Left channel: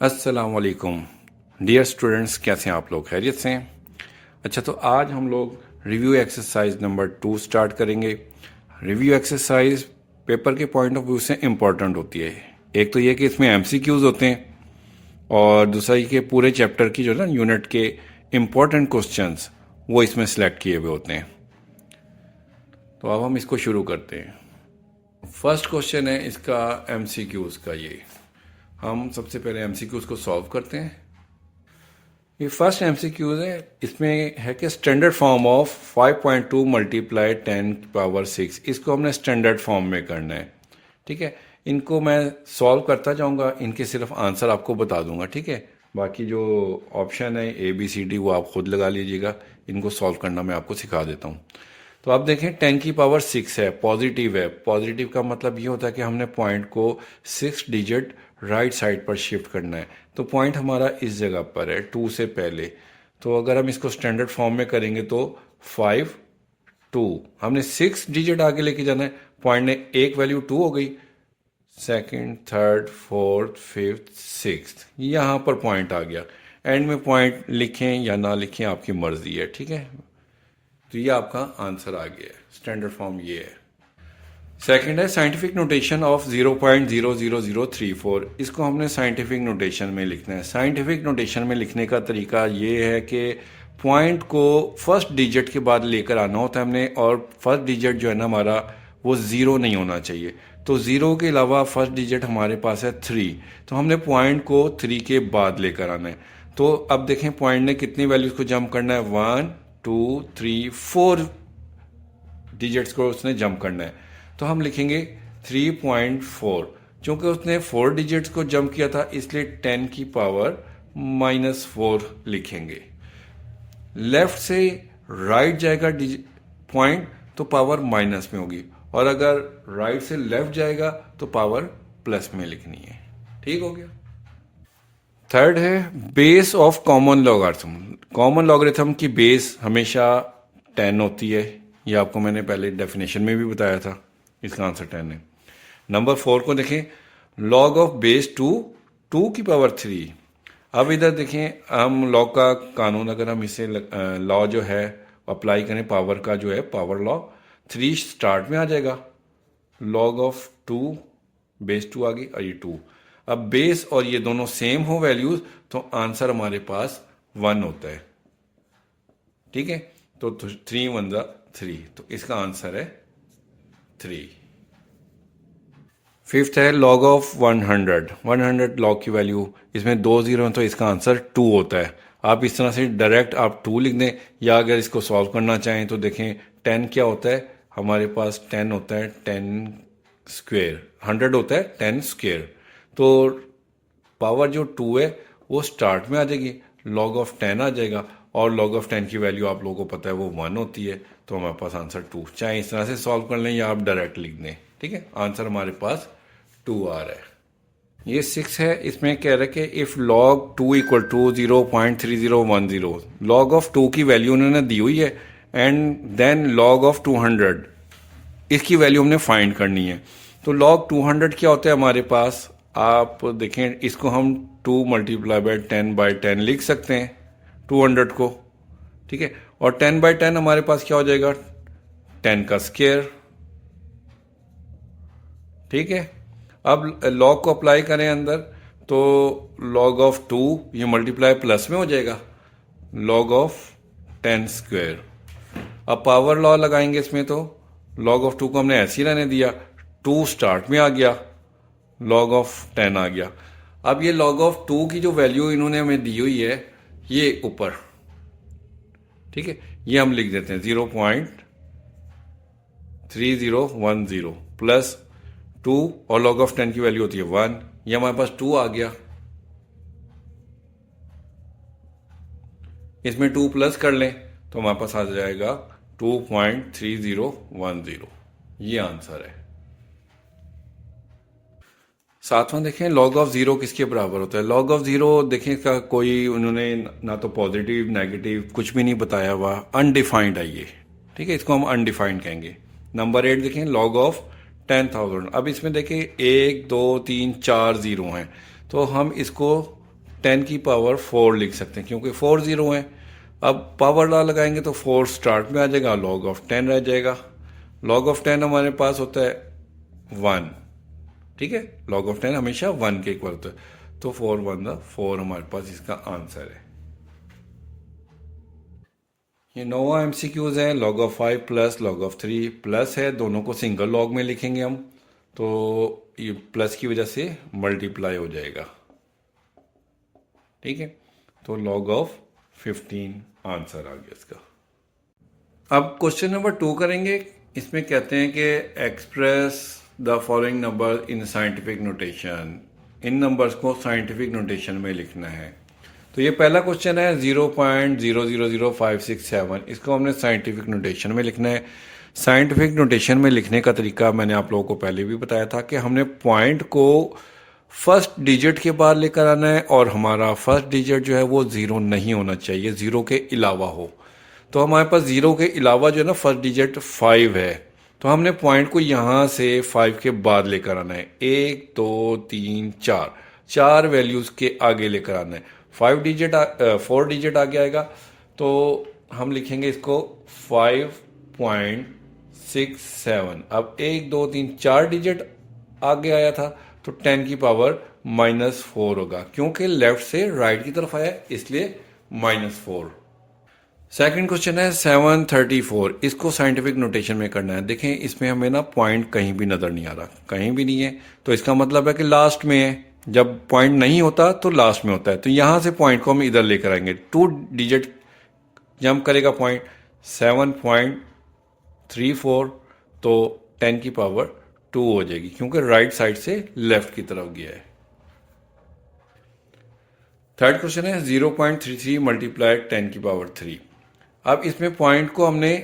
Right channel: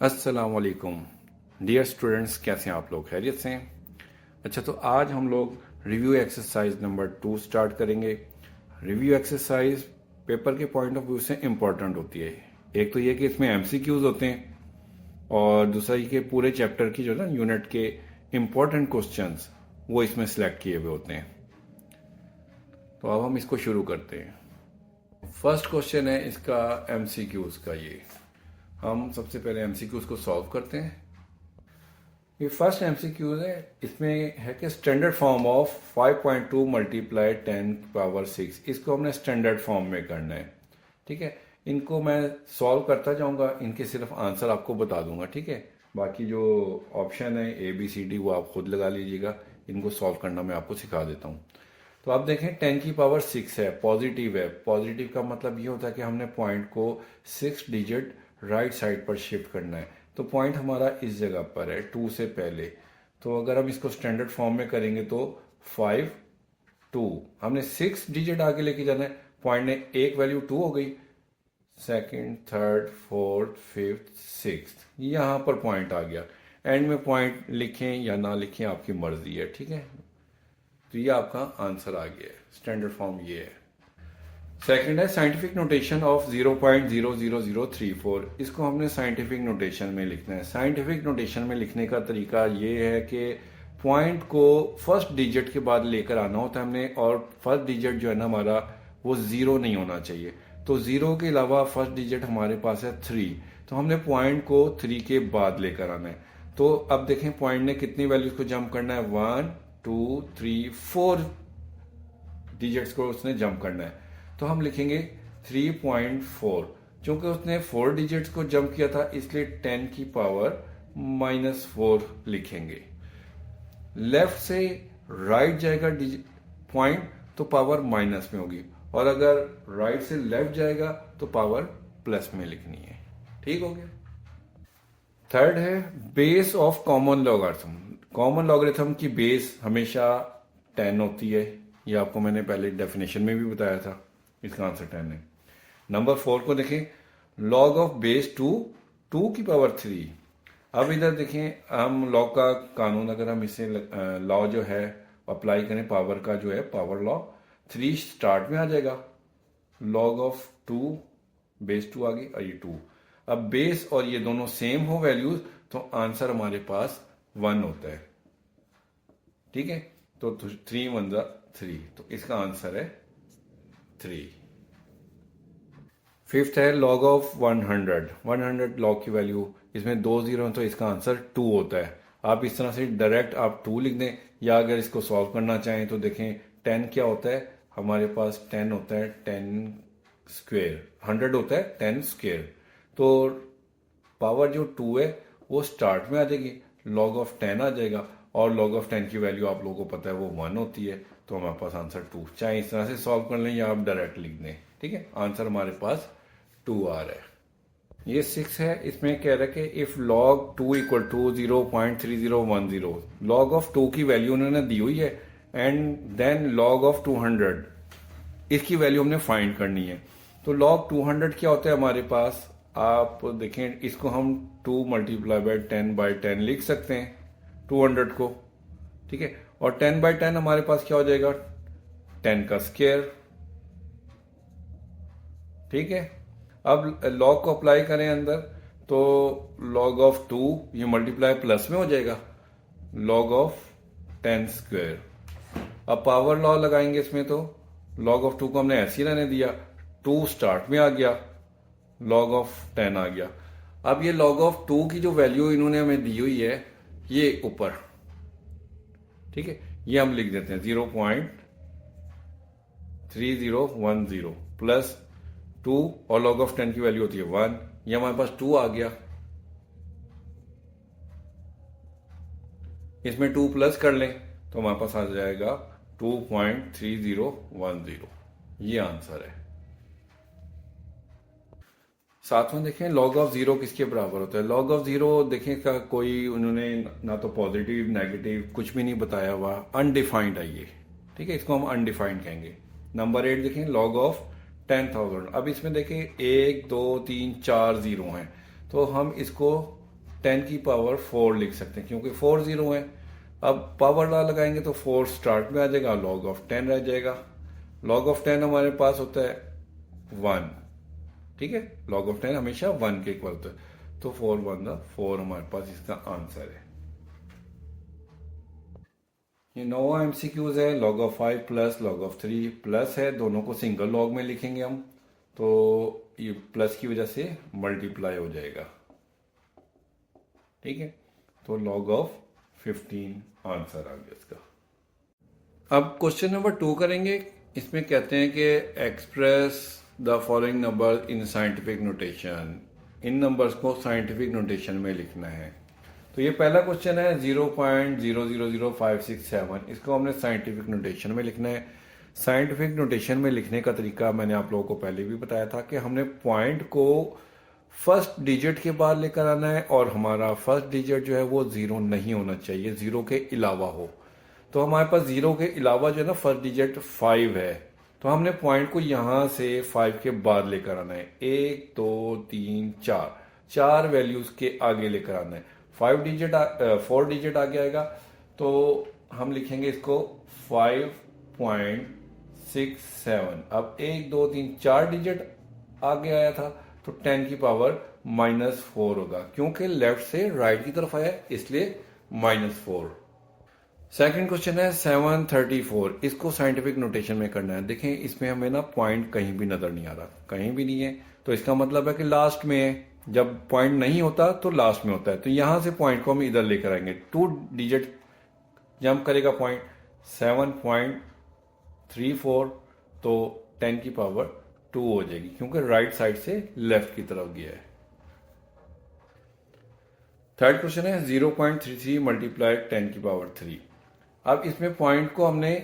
अस्सलाम वालेकुम dear students, कैसे हैं आप लोग? खैरियत से हैं? अच्छा, तो आज हम लोग रिव्यू एक्सरसाइज नंबर 2 स्टार्ट करेंगे। रिव्यू एक्सरसाइज पेपर के पॉइंट ऑफ व्यू से इम्पॉर्टेंट होती है। एक तो ये कि इसमें एमसीक्यूज होते हैं, और दूसरा ये कि पूरे चैप्टर की जो है ना यूनिट के इम्पॉर्टेंट क्वेश्चंस वो इसमें सेलेक्ट किए हुए होते हैं। तो अब हम इसको शुरू करते हैं। फर्स्ट क्वेश्चन है इसका एमसीक्यूज का। ये हम सबसे पहले एमसीक्यूज को सॉल्व करते हैं। ये फर्स्ट एमसीक्यूज है, इसमें है कि स्टैंडर्ड फॉर्म ऑफ 5.2 मल्टीप्लाई 10⁻⁶ इसको हमने स्टैंडर्ड फॉर्म में करना है। ठीक है, इनको मैं सॉल्व करता जाऊंगा, इनके सिर्फ आंसर आपको बता दूंगा। ठीक है, बाकी जो ऑप्शन है ABCD वो आप खुद लगा लीजिएगा, इनको सॉल्व करना मैं आपको सिखा देता हूँ। तो आप देखें 10⁻⁶ है, पॉजिटिव है। पॉजिटिव का मतलब ये होता है कि हमने पॉइंट को 6 डिजिट राइट साइड पर शिफ्ट करना है। तो पॉइंट हमारा इस जगह पर है 2 से पहले। तो अगर हम इसको स्टैंडर्ड फॉर्म में करेंगे तो 5 2, हमने 6 डिजिट आगे लेके जाना है। पॉइंट ने एक वैल्यू 2 हो गई, second, third, fourth, fifth, sixth, यहाँ पर पॉइंट आ गया। एंड में पॉइंट लिखें या ना लिखें आपकी मर्जी है। ठीक है, तो ये आपका आंसर आ गया है। स्टैंडर्ड फॉर्म ये है। सेकंड है साइंटिफिक नोटेशन ऑफ 0.00034। इसको हमने साइंटिफिक नोटेशन में लिखना है। साइंटिफिक नोटेशन में लिखने का तरीका ये है कि पॉइंट को फर्स्ट डिजिट के बाद लेकर आना होता है हमने, और फर्स्ट डिजिट जो है ना हमारा वो ज़ीरो नहीं होना चाहिए। तो ज़ीरो के अलावा फर्स्ट डिजिट हमारे पास है 3, तो हमने पॉइंट को 3 के बाद लेकर आना है। तो अब देखें पॉइंट ने कितनी वैल्यूज़ को जंप करना है, 1 2 3 4 डिजिट्स को उसने जंप करना है। तो हम लिखेंगे 3.4। चूंकि उसने 4 डिजिट्स को जंप किया था इसलिए 10⁻⁻4 लिखेंगे। लेफ्ट से राइट जाएगा पॉइंट तो पावर माइनस में होगी, और अगर राइट से लेफ्ट जाएगा तो पावर प्लस में लिखनी है। ठीक हो गया। थर्ड है base of common logarithm. Common logarithm की बेस हमेशा 10 होती है। ये आपको मैंने पहले डेफिनेशन में भी बताया था। इसका आंसर 10 है। नंबर 4 को देखें, लॉग ऑफ बेस 2 2 की पावर 3। अब इधर देखें हम लॉ का कानून, अगर हम इसे लॉ जो है अप्लाई करें पावर का, जो है पावर लॉ, 3 स्टार्ट में आ जाएगा। लॉग ऑफ 2 बेस 2 आ गई और ये 2। अब बेस और ये दोनों सेम हो वैल्यूज तो आंसर हमारे पास 1 होता है। ठीक है, तो 3 1 3, तो इसका आंसर है 3। फिफ्थ है लॉग ऑफ 100। 100 लॉग की वैल्यू, इसमें 2 जीरो हैं तो इसका आंसर 2 होता है। आप इस तरह से डायरेक्ट आप 2 लिख दें, या अगर इसको सॉल्व करना चाहें तो देखें 10 क्या होता है हमारे पास, 10 होता है 10 स्क्वेयर, 100 होता है 10 स्क्वेयर। तो पावर जो 2 है वो स्टार्ट में आ जाएगी, लॉग ऑफ 10 आ जाएगा, और लॉग ऑफ 10 की वैल्यू आप लोगों को पता है वो 1 होती है। तो हमारे पास आंसर 2, चाहे इस तरह से सॉल्व कर लें या आप डायरेक्ट लिख दें। ठीक है, आंसर हमारे पास 2 आ रहा है। ये 6 है, इसमें कह रहा है कि if log 2 equal to 0.3010, log of 2 की वैल्यू उन्होंने दी हुई है, एंड देन लॉग ऑफ 200 इसकी वैल्यू हमने फाइंड करनी है। तो log 200 क्या होता है हमारे पास, आप देखें इसको हम 2 × 10/10 लिख सकते हैं 200 को। ठीक है, और 10/10 हमारे पास क्या हो जाएगा, 10 का स्क्वायर। ठीक है, अब log को अप्लाई करें अंदर, तो log ऑफ 2 ये मल्टीप्लाई प्लस में हो जाएगा, log ऑफ 10 स्क्वायर। अब पावर लॉ लगाएंगे इसमें, तो log ऑफ 2 को हमने ऐसे ही रहने दिया, 2 स्टार्ट में आ गया, log ऑफ 10 आ गया। अब ये log ऑफ 2 की जो वैल्यू इन्होंने हमें दी हुई है ये ऊपर, ठीक है, ये हम लिख देते हैं 0.3010 प्लस 2, और log ऑफ 10 की वैल्यू होती है 1। ये हमारे पास 2 आ गया, इसमें 2 प्लस कर लें तो हमारे पास आ जाएगा 2.3010। ये आंसर है। सातवां देखें, लॉग ऑफ 0 किसके बराबर होता है। लॉग ऑफ 0 देखें इसका कोई उन्होंने ना तो पॉजिटिव नेगेटिव कुछ भी नहीं बताया हुआ, अनडिफाइंड है ये। ठीक है, इसको हम अनडिफाइंड कहेंगे। नंबर 8 देखें, लॉग ऑफ 10,000। अब इसमें देखें 1 2 3 4 जीरो हैं, तो हम इसको 10 की पावर 4 लिख सकते हैं क्योंकि 4 जीरो है। अब पावर लॉ लगाएंगे तो 4 स्टार्ट में आ जाएगा, लॉग ऑफ 10 रह जाएगा। लॉग ऑफ 10 हमारे पास होता है 1, ठीक है, लॉग ऑफ 10 हमेशा 1 के इक्वल होता है, तो 4 1 4 हमारे पास इसका आंसर है। ये नोवा एमसीक्यूज है, log of 5 plus log of 3 plus है, दोनों को सिंगल लॉग में लिखेंगे हम, तो ये प्लस की वजह से मल्टीप्लाई हो जाएगा, ठीक है। तो लॉग ऑफ 15 आंसर आ गया इसका। अब क्वेश्चन नंबर 2 करेंगे। इसमें कहते हैं कि express the following number in scientific notation, in numbers को साइंटिफिक नोटेशन में लिखना है। तो ये पहला क्वेश्चन है 0.000567, इसको हमने साइंटिफिक नोटेशन में लिखना है। साइंटिफिक नोटेशन में लिखने का तरीका मैंने आप लोगों को पहले भी बताया था कि हमने पॉइंट को फर्स्ट डिजिट के बाद लेकर आना है और हमारा फर्स्ट डिजिट जो है वो ज़ीरो नहीं होना चाहिए, ज़ीरो के अलावा हो। तो हमारे पास ज़ीरो के अलावा जो है ना फर्स्ट डिजिट 5 है, तो हमने पॉइंट को यहाँ से 5 के बाद लेकर आना है। 1 2 3 4 4 वैल्यूज़ के आगे लेकर आना है। 4 डिजिट आगे आएगा तो हम लिखेंगे इसको 5.67। अब 1 2 3 4 डिजिट आगे आया था तो 10 की पावर -4 होगा, क्योंकि लेफ्ट से राइट की तरफ आया इसलिए -4। सेकंड क्वेश्चन है 734, इसको साइंटिफिक नोटेशन में करना है। देखें इसमें हमें ना पॉइंट कहीं भी नज़र नहीं आ रहा, कहीं भी नहीं है, तो इसका मतलब है कि लास्ट में है। जब पॉइंट नहीं होता तो लास्ट में होता है, तो यहाँ से पॉइंट को हम इधर लेकर आएंगे। 2 डिजिट जंप करेगा पॉइंट 7.34, तो 10 की पावर 2 हो जाएगी, क्योंकि राइट साइड से लेफ्ट की तरफ गया है। थर्ड क्वेश्चन है 0.33 मल्टीप्लाई 10 की पावर 3। अब इसमें पॉइंट को हमने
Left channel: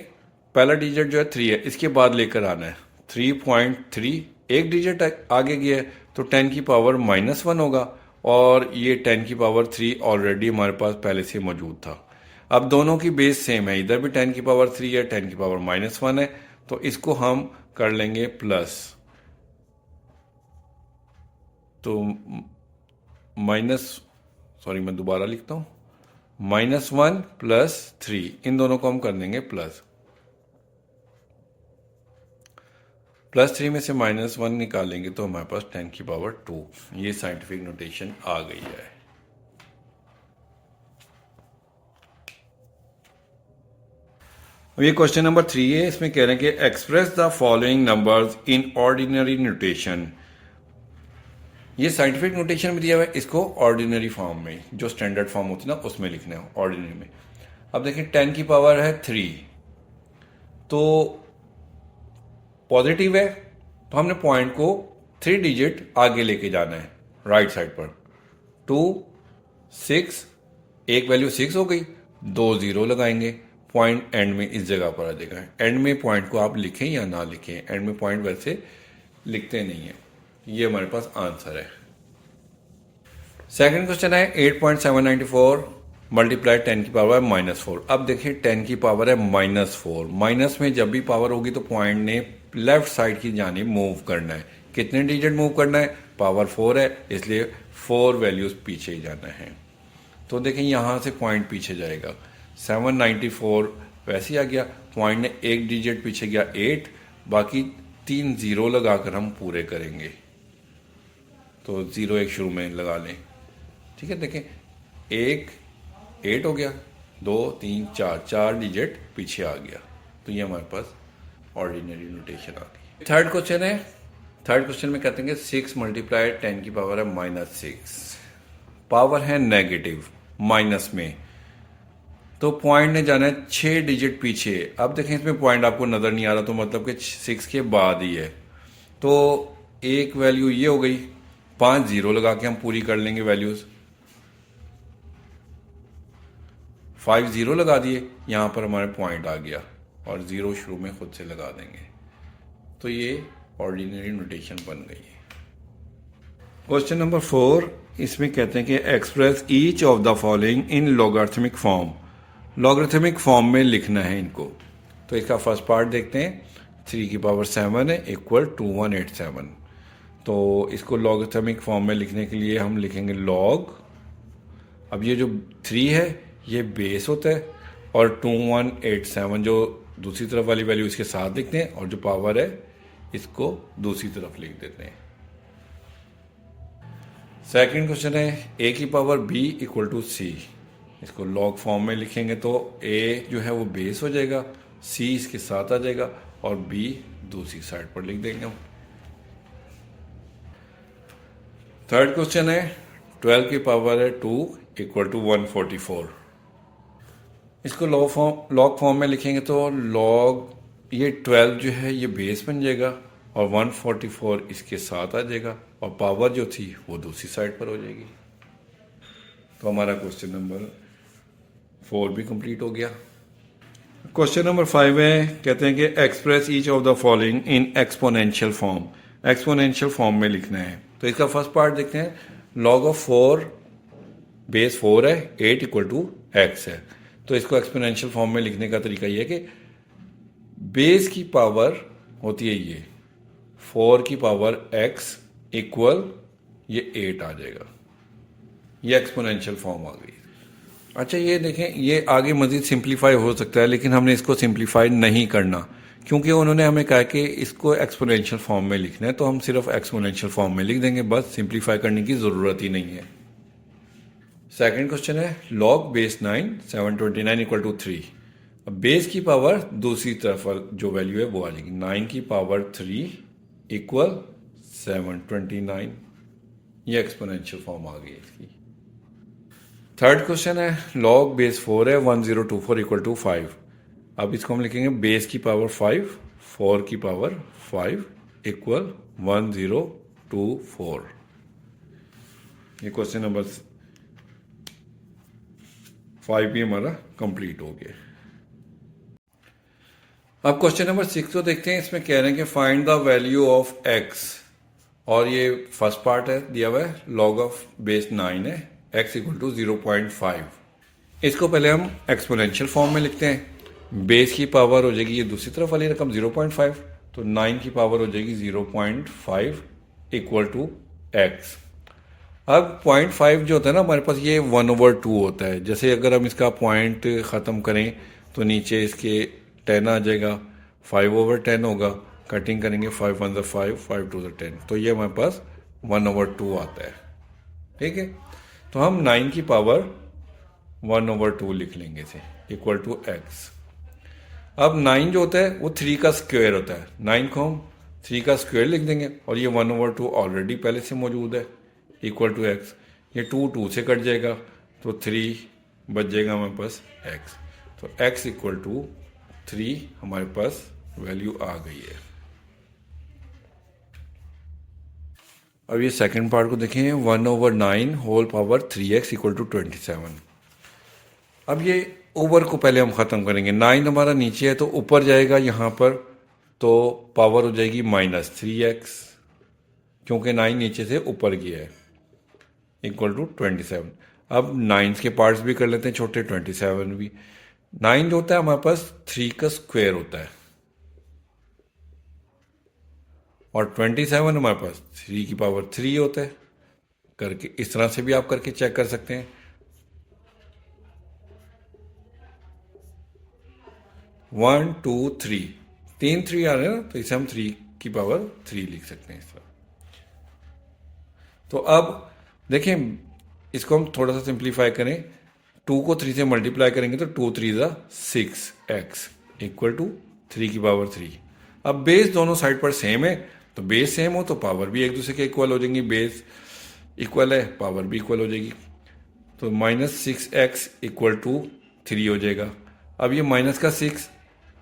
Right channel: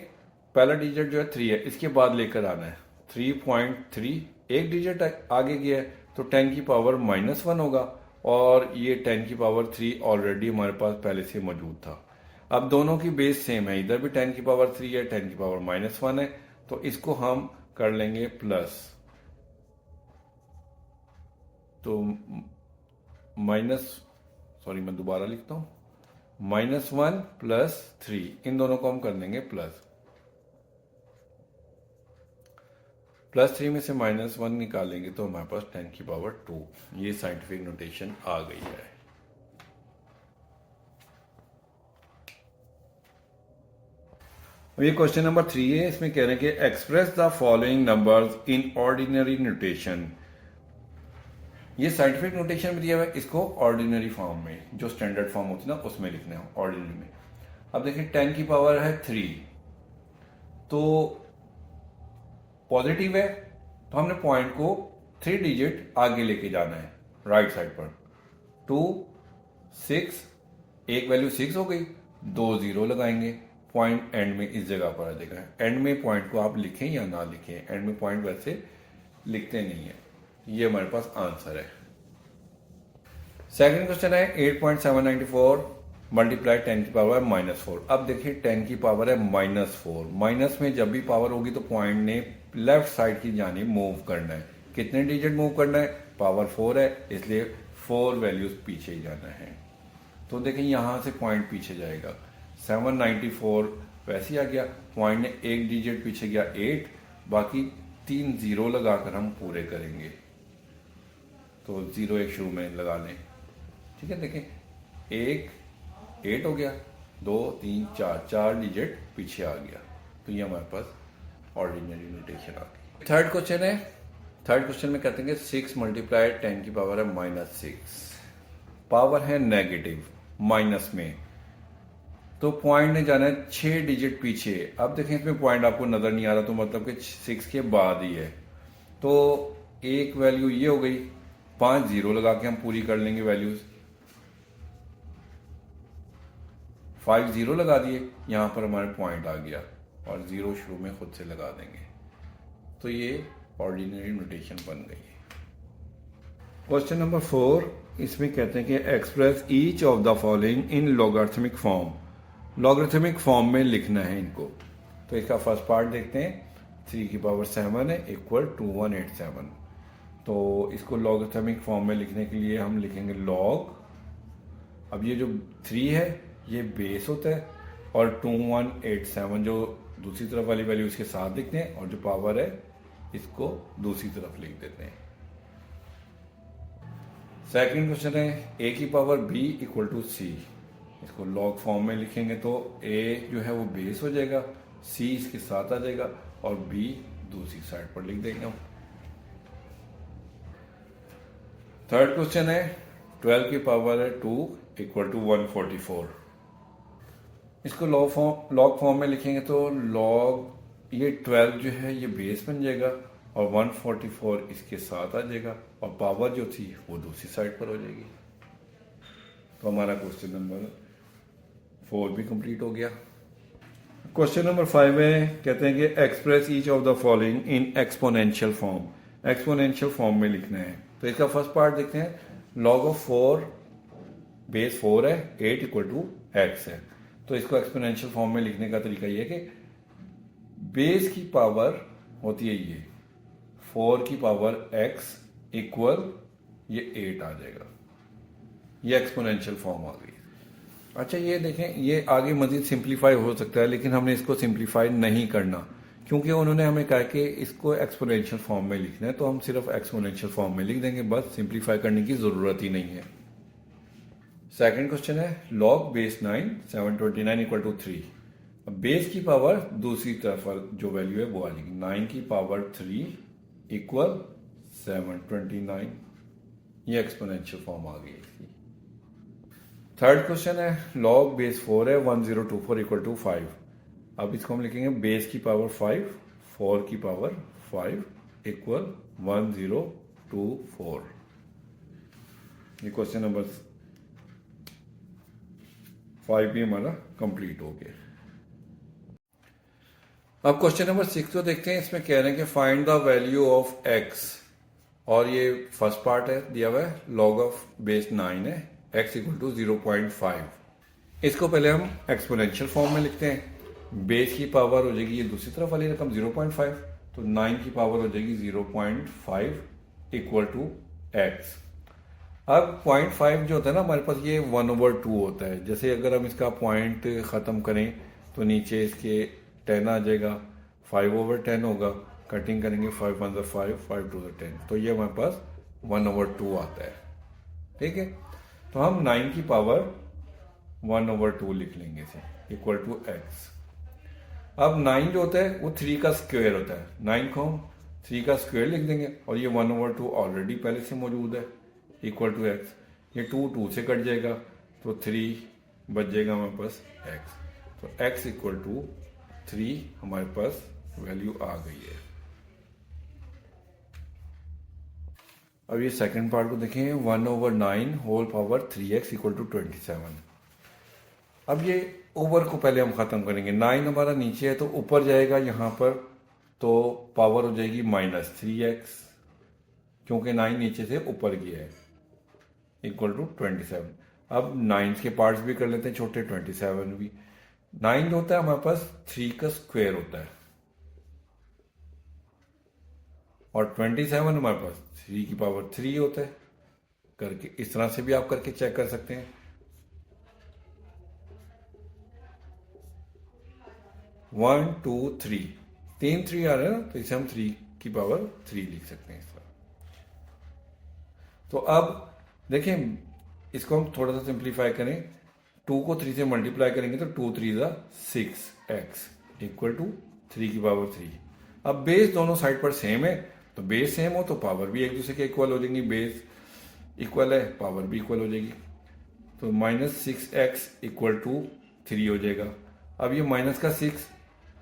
पहला डिजिट जो है 3 है, इसके बाद लेकर आना है। 3.3 एक डिजिट आगे गया है तो 10 की पावर -1 होगा, और ये 10 की पावर 3 ऑलरेडी हमारे पास पहले से मौजूद था। अब दोनों की बेस सेम है, इधर भी 10 की पावर 3 है, 10 की पावर -1 है, तो इसको हम कर लेंगे प्लस। तो मैं दोबारा लिखता हूँ, -1 + 3, इन दोनों को हम कर देंगे प्लस। +3 में से -1 निकालेंगे तो हमारे पास 10 की पावर 2, ये साइंटिफिक नोटेशन आ गई है। अब ये क्वेश्चन नंबर 3 है, इसमें कह रहे हैं कि express the following numbers in ordinary notation. ये साइंटिफिक नोटेशन में दिया हुआ है, इसको ऑर्डिनरी फॉर्म में, जो स्टैंडर्ड फॉर्म होती है ना उसमें लिखना है, ऑर्डिनरी में। अब देखिए 10 की पावर है 3, तो पॉजिटिव है, तो हमने पॉइंट को 3 डिजिट आगे लेके जाना है राइट साइड पर। 2 6, एक वैल्यू 6 हो गई, 2 0 लगाएंगे, पॉइंट एंड में इस जगह पर आ जाएगा। एंड में पॉइंट को आप लिखें या ना लिखें, एंड में पॉइंट वैसे लिखते नहीं है। ये हमारे पास आंसर है। सेकंड क्वेश्चन है 8.794 मल्टीप्लाई 10 की पावर है -4। अब देखिए 10 की पावर है -4, माइनस में जब भी पावर होगी तो पॉइंट ने लेफ्ट साइड की जानिब मूव करना है। कितने डिजिट मूव करना है? पावर 4 है, इसलिए 4 वैल्यूज पीछे ही जाना है। तो देखिए यहाँ से पॉइंट पीछे जाएगा, 794 वैसे ही आ गया, पॉइंट ने एक डिजिट पीछे गया 8, बाकी 3 0 लगाकर हम पूरे करेंगे। तो 0 एक शुरू में लगा लें, ठीक है। देखें 1 8 हो गया, 2 3 4 डिजिट पीछे आ गया, तो ये हमारे पास ऑर्डिनरी नोटेशन आ गई। थर्ड क्वेश्चन है, थर्ड क्वेश्चन में कहते हैं कि 6 मल्टीप्लाई 10 की पावर है -6, पावर है नेगेटिव माइनस में, तो पॉइंट ने जाना है 6 डिजिट पीछे। अब देखें इसमें पॉइंट आपको नज़र नहीं आ रहा, तो मतलब कि 6 के बाद ही है, तो एक वैल्यू ये हो गई, 5 0 लगा के हम पूरी कर लेंगे वैल्यूज़। 5 0 लगा दिए, यहाँ पर हमारे पॉइंट आ गया और 0 शुरू में खुद से लगा देंगे, तो ये ऑर्डिनरी नोटेशन बन गई है। क्वेश्चन नंबर 4, इसमें कहते हैं कि express each of the following in logarithmic form. Logarithmic form में लिखना है इनको। तो इसका फर्स्ट पार्ट देखते हैं, 3 की पावर 7 है इक्वल 2187। तो इसको लॉगरिथमिक फॉर्म में लिखने के लिए हम लिखेंगे लॉग अब ये जो 3 है ये बेस होता है और 2187 जो दूसरी तरफ वाली वैल्यू इसके साथ लिखते हैं और जो पावर है इसको दूसरी तरफ लिख देते हैं। सेकंड क्वेश्चन है a की power b equal to c। इसको लॉग फॉर्म में लिखेंगे तो a जो है वो बेस हो जाएगा, c इसके साथ आ जाएगा और b दूसरी साइड पर लिख देंगे हम। थर्ड क्वेश्चन है 12 की पावर है 2 इक्वल टू 144। इसको लॉग फॉर्म में लिखेंगे तो लॉग ये 12 जो है ये बेस बन जाएगा और 144 इसके साथ आ जाएगा और पावर जो थी वो दूसरी साइड पर हो जाएगी। तो हमारा क्वेश्चन नंबर 4 भी कंप्लीट हो गया। क्वेश्चन नंबर 5 है, कहते हैं कि express each of the following in exponential form. Exponential form में लिखना है। तो इसका फर्स्ट पार्ट देखते हैं। लॉग ऑफ 4 बेस 4 है, 8 इक्वल टू एक्स है। तो इसको एक्सपोनेंशियल फॉर्म में लिखने का तरीका ये है कि बेस की पावर होती है ये 4 की पावर x इक्वल ये 8 आ जाएगा। ये एक्सपोनेंशियल फॉर्म आ गई। अच्छा ये देखें, ये आगे मजीद सिंप्लीफाई हो सकता है लेकिन हमने इसको सिंप्लीफाई नहीं करना क्योंकि उन्होंने हमें कहा कि इसको एक्सपोनेंशियल फॉर्म में लिखना है, तो हम सिर्फ एक्सपोनेंशियल फॉर्म में लिख देंगे, बस सिंप्लीफाई करने की ज़रूरत ही नहीं है। सेकंड क्वेश्चन है लॉग बेस 9 729 इक्वल टू 3। अब बेस की पावर दूसरी तरफ जो वैल्यू है वो आ जाएगी 9 की पावर 3 इक्वल 729। ये एक्सपोनेंशियल फॉर्म आ गई इसकी। थर्ड क्वेश्चन है लॉग बेस 4 है 1024 इक्वल टू 5। अब इसको हम लिखेंगे बेस की पावर 5 4 की पावर 5 इक्वल 1024। ये क्वेश्चन नंबर 5 भी हमारा कंप्लीट हो गया। अब क्वेश्चन नंबर 6 को देखते हैं। इसमें कह रहे हैं कि find the value of x और ये फर्स्ट पार्ट है दिया हुआ है लॉग ऑफ बेस 9 है x इक्वल टू 0.5। इसको पहले हम एक्सपोनेंशियल फॉर्म में लिखते हैं। बेस की पावर हो जाएगी ये दूसरी तरफ वाली रकम 0.5, तो 9 की पावर हो जाएगी 0.5 इक्वल टू x। अब 0.5 जो होता है ना हमारे पास ये 1/2 होता है। जैसे अगर हम इसका पॉइंट ख़त्म करें तो नीचे इसके 10 आ जाएगा, 5/10 होगा। कटिंग करेंगे 5 1 5 5 2 10, तो ये हमारे पास 1/2 आता है। ठीक है, तो हम 9 की पावर 1/2 लिख लेंगे इसे इक्वल टू x। अब 9 जो होता है वो 3 का स्क्वायर होता है। 9 को हम 3 का स्क्वायर लिख देंगे और ये 1/2 ऑलरेडी पहले से मौजूद है इक्वल टू x। ये 2 से कट जाएगा तो 3 बच जाएगा हमारे पास x। तो x इक्वल टू 3 हमारे पास वैल्यू आ गई है। अब ये सेकंड पार्ट को देखें 1/9 whole power 3x equal to 27। अब ये ओवर को पहले हम ख़त्म करेंगे। 9 हमारा नीचे है तो ऊपर जाएगा यहाँ पर, तो पावर हो जाएगी -3x क्योंकि 9 नीचे से ऊपर गया है इक्वल टू 27। अब 9 के पार्ट्स भी कर लेते हैं छोटे, 27 भी। 9 जो होता है हमारे पास 3 का स्क्वायर होता है और 27 हमारे पास 3 की पावर 3 होता है। करके इस तरह से भी आप करके चेक कर सकते हैं। 1 2 3 3 3 आ रहे हैं ना, तो इसे हम 3 की पावर 3 लिख सकते हैं इस तरह। तो अब देखें इसको हम थोड़ा सा सिंप्लीफाई करें। 2 को 3 से मल्टीप्लाई करेंगे तो 2 3 6x इक्वल टू 3 की पावर 3। अब बेस दोनों साइड पर सेम है, तो बेस सेम हो तो पावर भी एक दूसरे के इक्वल हो जाएंगी। बेस इक्वल है, पावर भी इक्वल हो जाएगी। तो -6x इक्वल टू 3 हो जाएगा। अब ये माइनस का 6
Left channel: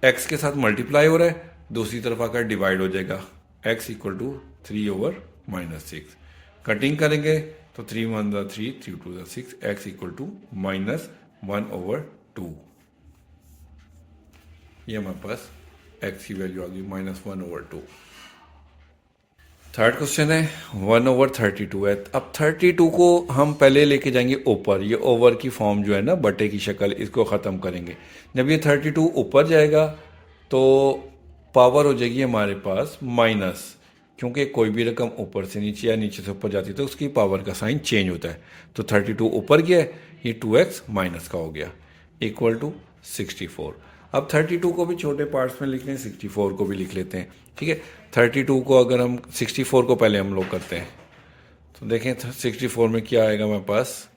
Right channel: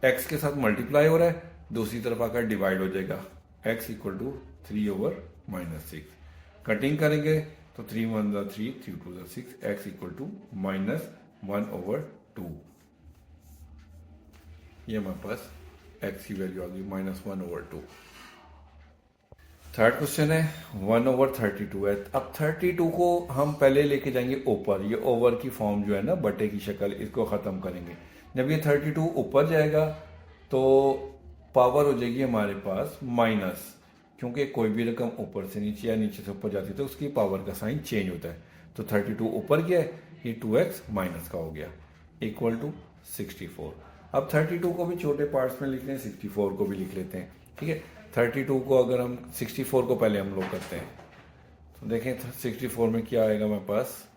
x के साथ मल्टीप्लाई हो रहा है, दूसरी तरफ आकर डिवाइड हो जाएगा x इक्वल टू 3/-6। कटिंग करेंगे तो 3 1 3 3 2 6 x इक्वल टू -1/2। ये हमारे पास x की वैल्यू आ गई -1/2। थर्ड क्वेश्चन है 1/32 है। अब 32 को हम पहले लेके जाएंगे ऊपर। ये ओवर की फॉर्म जो है ना बटे की शक्ल, इसको ख़त्म करेंगे। जब ये 32 ऊपर जाएगा तो पावर हो जाएगी हमारे पास माइनस। क्योंकि कोई भी रकम ऊपर से नीचे या नीचे से ऊपर जाती है तो उसकी पावर का साइन चेंज होता है। तो 32 ऊपर गया है, ये 2x माइनस का हो गया, इक्वल टू 64। अब 32 को भी छोटे पार्ट्स में लिख लें, 64 को भी लिख लेते हैं। ठीक है, 32 को अगर हम 64 को पहले हम लोग करते हैं तो देखें 64 में क्या आएगा हमारे पास,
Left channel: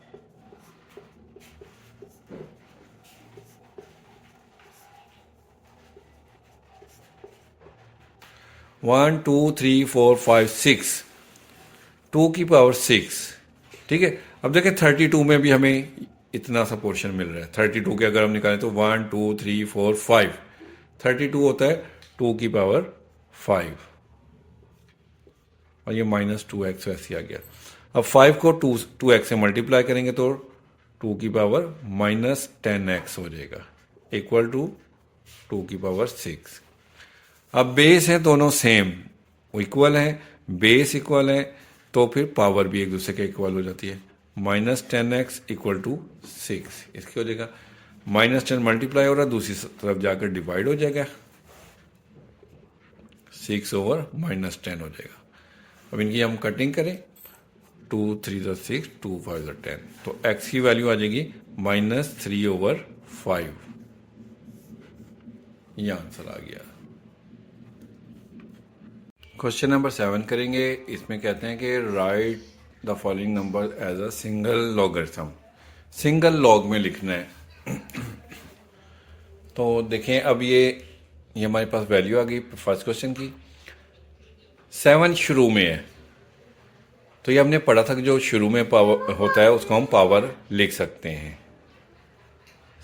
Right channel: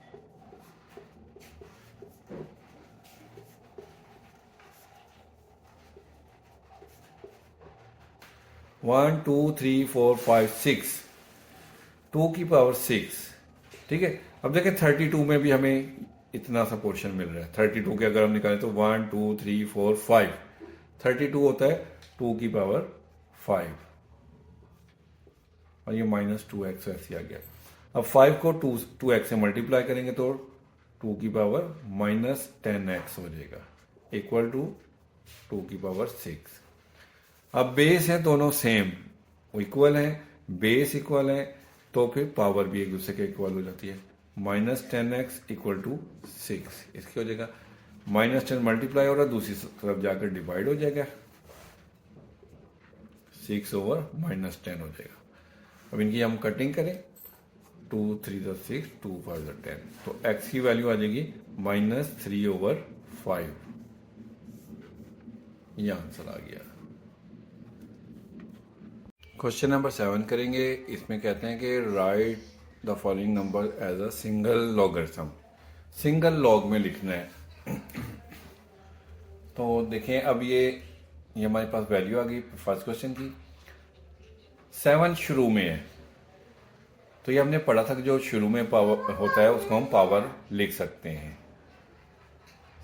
1 2 3 4 5 6, 2 की पावर 6। ठीक है, अब देखें 32 में भी हमें इतना सा पोर्शन मिल रहा है। 32 के अगर हम निकालें तो 1 2 3 4 5, 32 होता है 2 की पावर 5 और ये -2x ऐसे आ गया। अब 5 को 2x से मल्टीप्लाई करेंगे तो 2 की पावर -10x हो जाएगा, इक्वल टू 2 की पावर 6। अब बेस है दोनों सेम, इक्वल है, बेस इक्वल है, तो फिर पावर भी एक दूसरे के इक्वल हो जाती है। -10x इक्वल टू 6, इसके हो जाएगा -10 मल्टीप्लाई हो रहा है, दूसरी तरफ जाकर डिवाइड हो जाएगा, 6 ओवर -10 हो जाएगा। अब इनकी हम कटिंग करें, 2 3 6, 2 5 10, तो x की वैल्यू आ जाएगी -3 ओवर 5। ये आंसर आ गया। क्वेश्चन नंबर 7 करेंगे। इसमें कहते हैं कि write the following number as a single logarithm, single log में लिखना है। तो देखें अब ये हमारे पास वैल्यू आ गई फर्स्ट क्वेश्चन की। 7 शुरू में है, तो ये हमने पढ़ा था कि जो शुरू में पावर होता है उसको हम पावर लिख सकते हैं।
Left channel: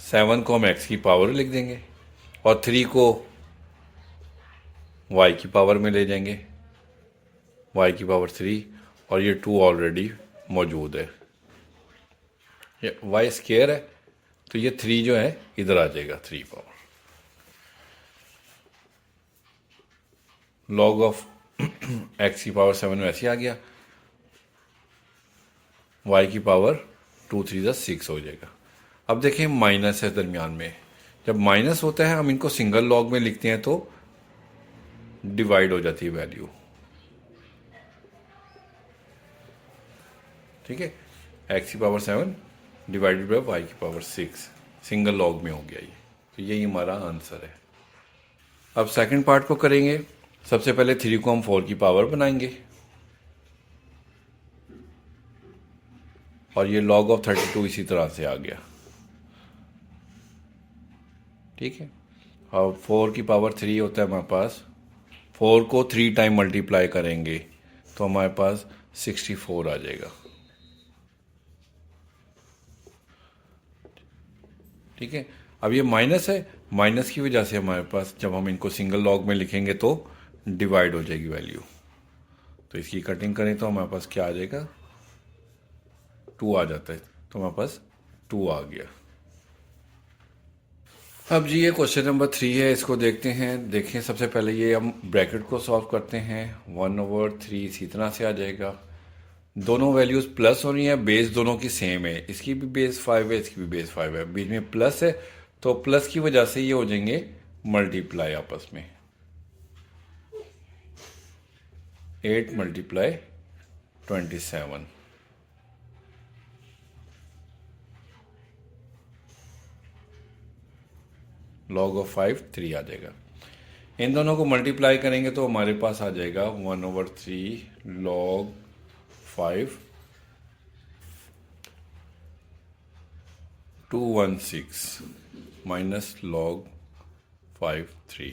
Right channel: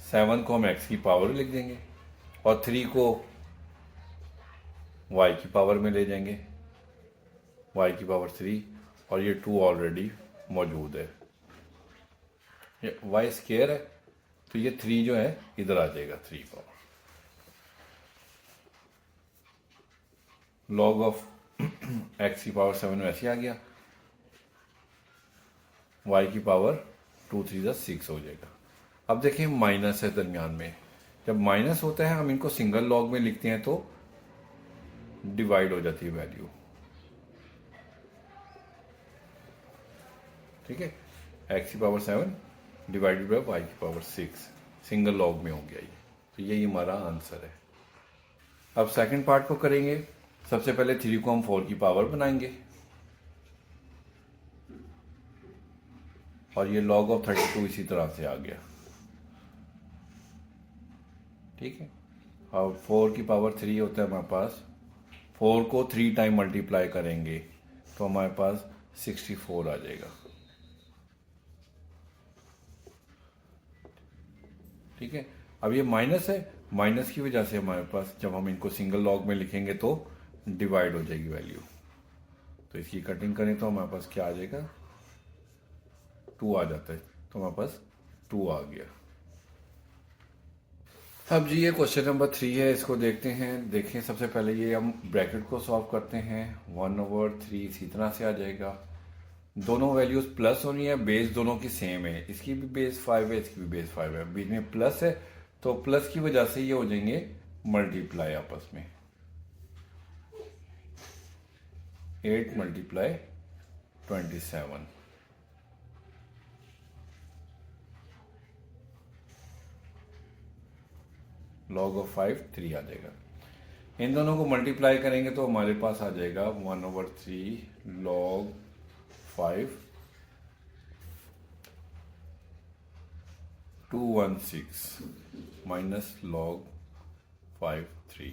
7 को हम x की पावर लिख देंगे और 3 को y की पावर में ले जाएंगे, y की पावर 3, और ये 2 ऑलरेडी मौजूद है, ये y स्क्वायर है, तो ये 3 जो है इधर आ जाएगा, 3 पावर लॉग ऑफ x की पावर 7 वैसे आ गया, y की पावर 2 3 6 हो जाएगा। अब देखें माइनस है दरमियान में, जब माइनस होता है हम इनको सिंगल लॉग में लिखते हैं तो डिवाइड हो जाती है वैल्यू। ठीक है, x की पावर 7 डिवाइडेड बाय y की पावर 6, सिंगल लॉग में हो गया ये, तो यही हमारा आंसर है। अब सेकंड पार्ट को करेंगे। सबसे पहले 3 को हम 4 की पावर बनाएंगे और ये लॉग ऑफ 32 इसी तरह से आ गया। ठीक है, अब 4 की पावर 3 होता है हमारे पास, 4 को 3 टाइम मल्टीप्लाई करेंगे तो हमारे पास 64 आ जाएगा। ठीक है, अब ये माइनस है, माइनस की वजह से हमारे पास जब हम इनको सिंगल लॉग में लिखेंगे तो डिवाइड हो जाएगी वैल्यू। तो इसकी कटिंग करें तो हमारे पास क्या आ जाएगा, 2 आ जाता है, तो हमारे पास 2 आ गया। अब जी ये क्वेश्चन नंबर 3 है, इसको देखते हैं। देखें सबसे पहले ये हम ब्रैकेट को सॉल्व करते हैं। 1/3 इसी तरह से आ जाएगा। दोनों वैल्यूज प्लस होनी है, बेस दोनों की सेम है, इसकी भी बेस 5 है, इसकी भी बेस 5 है, बीच में प्लस है तो प्लस की वजह से ये हो जाएंगे मल्टीप्लाई आपस में। 8 मल्टीप्लाई 27, लॉग ऑफ 5 3 आ जाएगा। इन दोनों को मल्टीप्लाई करेंगे तो हमारे पास आ जाएगा 1/3 लॉग 5 216 माइनस लॉग 5 3।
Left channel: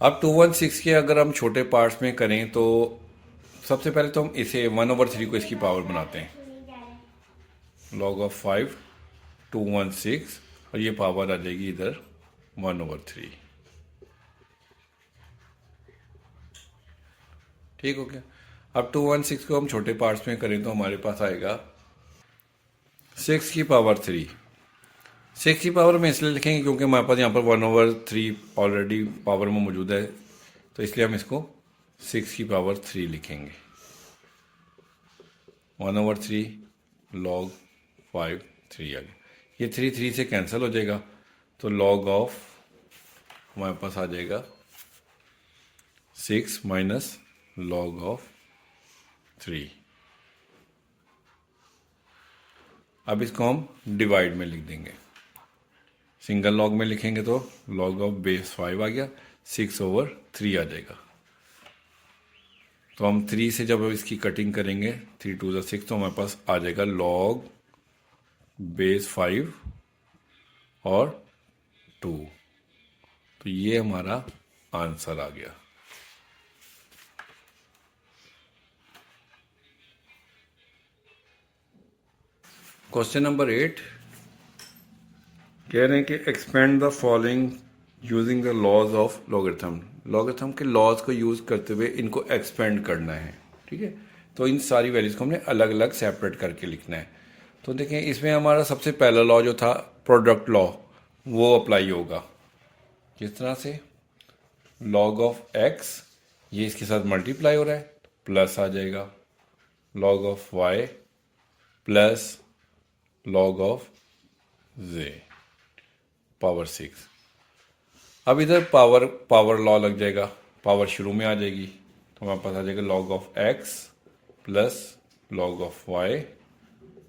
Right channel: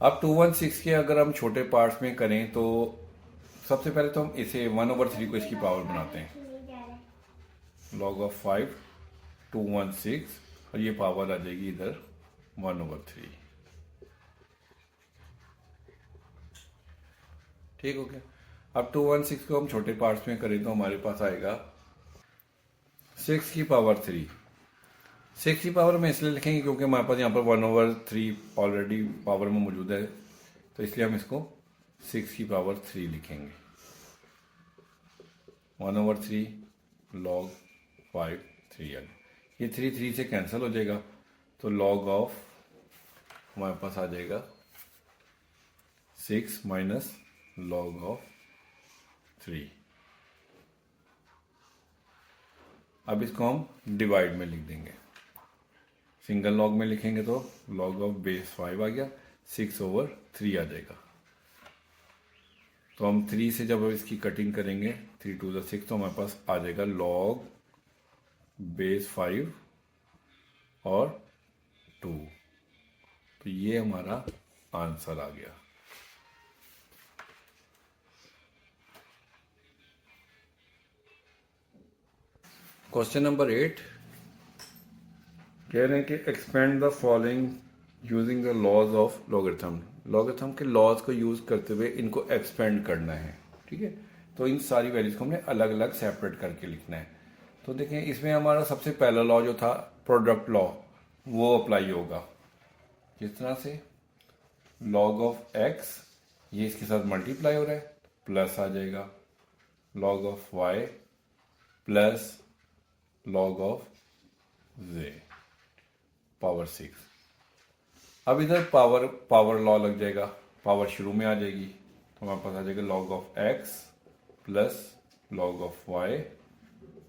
अब 216 के अगर हम छोटे पार्ट्स में करें तो सबसे पहले तो हम इसे 1/3 को इसकी पावर बनाते हैं, लॉग ऑफ 5 216, और ये पावर आ जाएगी इधर 1/3। ठीक हो गया। अब 216 को हम छोटे पार्ट्स में करें तो हमारे पास आएगा 6 की पावर 3। 6 की पावर में इसलिए लिखेंगे क्योंकि हमारे पास यहाँ पर 1/3 ऑलरेडी पावर में मौजूद है, तो इसलिए हम इसको 6 की पावर 3 लिखेंगे। 1/3 लॉग 5 3 आ गया, ये 3 3 से कैंसिल हो जाएगा, तो लॉग ऑफ हमारे पास आ जाएगा 6 माइनस लॉग ऑफ 3। अब इसको हम डिवाइड में लिख देंगे। सिंगल लॉग में लिखेंगे तो लॉग ऑफ बेस 5 आ गया, 6/3 आ जाएगा। तो हम 3 से जब इसकी कटिंग करेंगे 3 2 ज़ा 6, तो हमारे पास आ जाएगा लॉग बेस 5 और 2। तो ये हमारा आंसर आ गया। क्वेश्चन नंबर 8 कह रहे हैं कि expand the following using the laws of logarithm. Logarithm के लॉज को यूज़ करते हुए इनको एक्सपेंड करना है। ठीक है, तो इन सारी वैल्यूज़ को हमने अलग अलग सेपरेट करके लिखना है। तो देखें, इसमें हमारा सबसे पहला लॉ जो था प्रोडक्ट लॉ, वो अप्लाई होगा। किस तरह से? लॉग ऑफ एक्स, ये इसके साथ मल्टीप्लाई हो रहा है, प्लस आ जाएगा log of y plus log of j power 6। अब इधर पावर लॉ लग जाएगा, पावर शुरू में आ जाएगी, तो हमारे पास आ जाएगा log of x plus log of y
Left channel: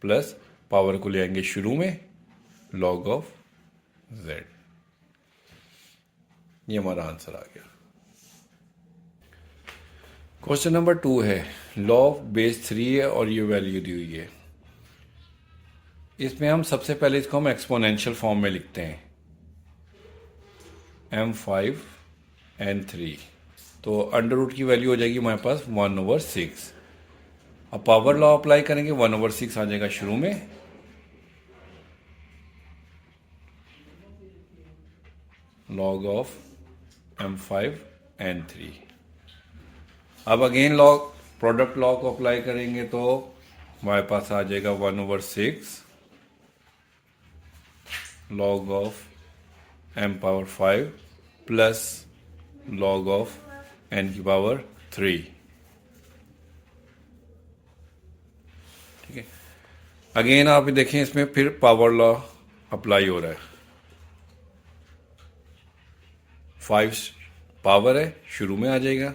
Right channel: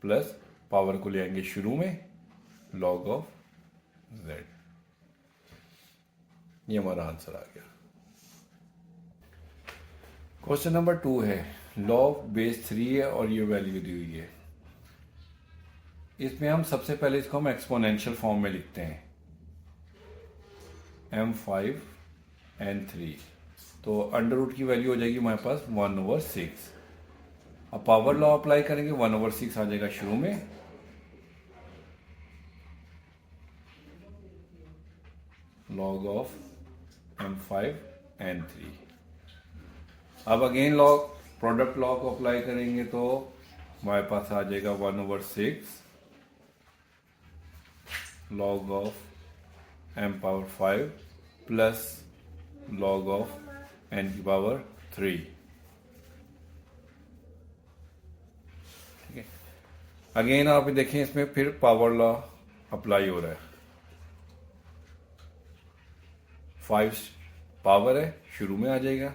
plus power को ले आएंगे शुरू में लॉग ऑफ जेड। ये हमारा आंसर आ गया। क्वेश्चन नंबर 2 है, लॉ ऑफ बेस 3 है और ये वैल्यू दी हुई है। इसमें हम सबसे पहले इसको हम एक्सपोनेंशियल फॉर्म में लिखते हैं, m5n3। तो अंडर रूट की वैल्यू हो जाएगी हमारे पास 1/6। अब पावर लॉ अप्लाई करेंगे, 1/6 आ जाएगा शुरू में, लॉग ऑफ m5n3। अब अगेन लॉ प्रोडक्ट लॉ को अप्लाई करेंगे तो हमारे पास आ जाएगा 1/6 log of m⁵ plus log of n⁵। ठीक है, अगेन आप देखें इसमें फिर पावर लॉ अप्लाई हो रहा है। 5 पावर है, शुरू में आ जाएगा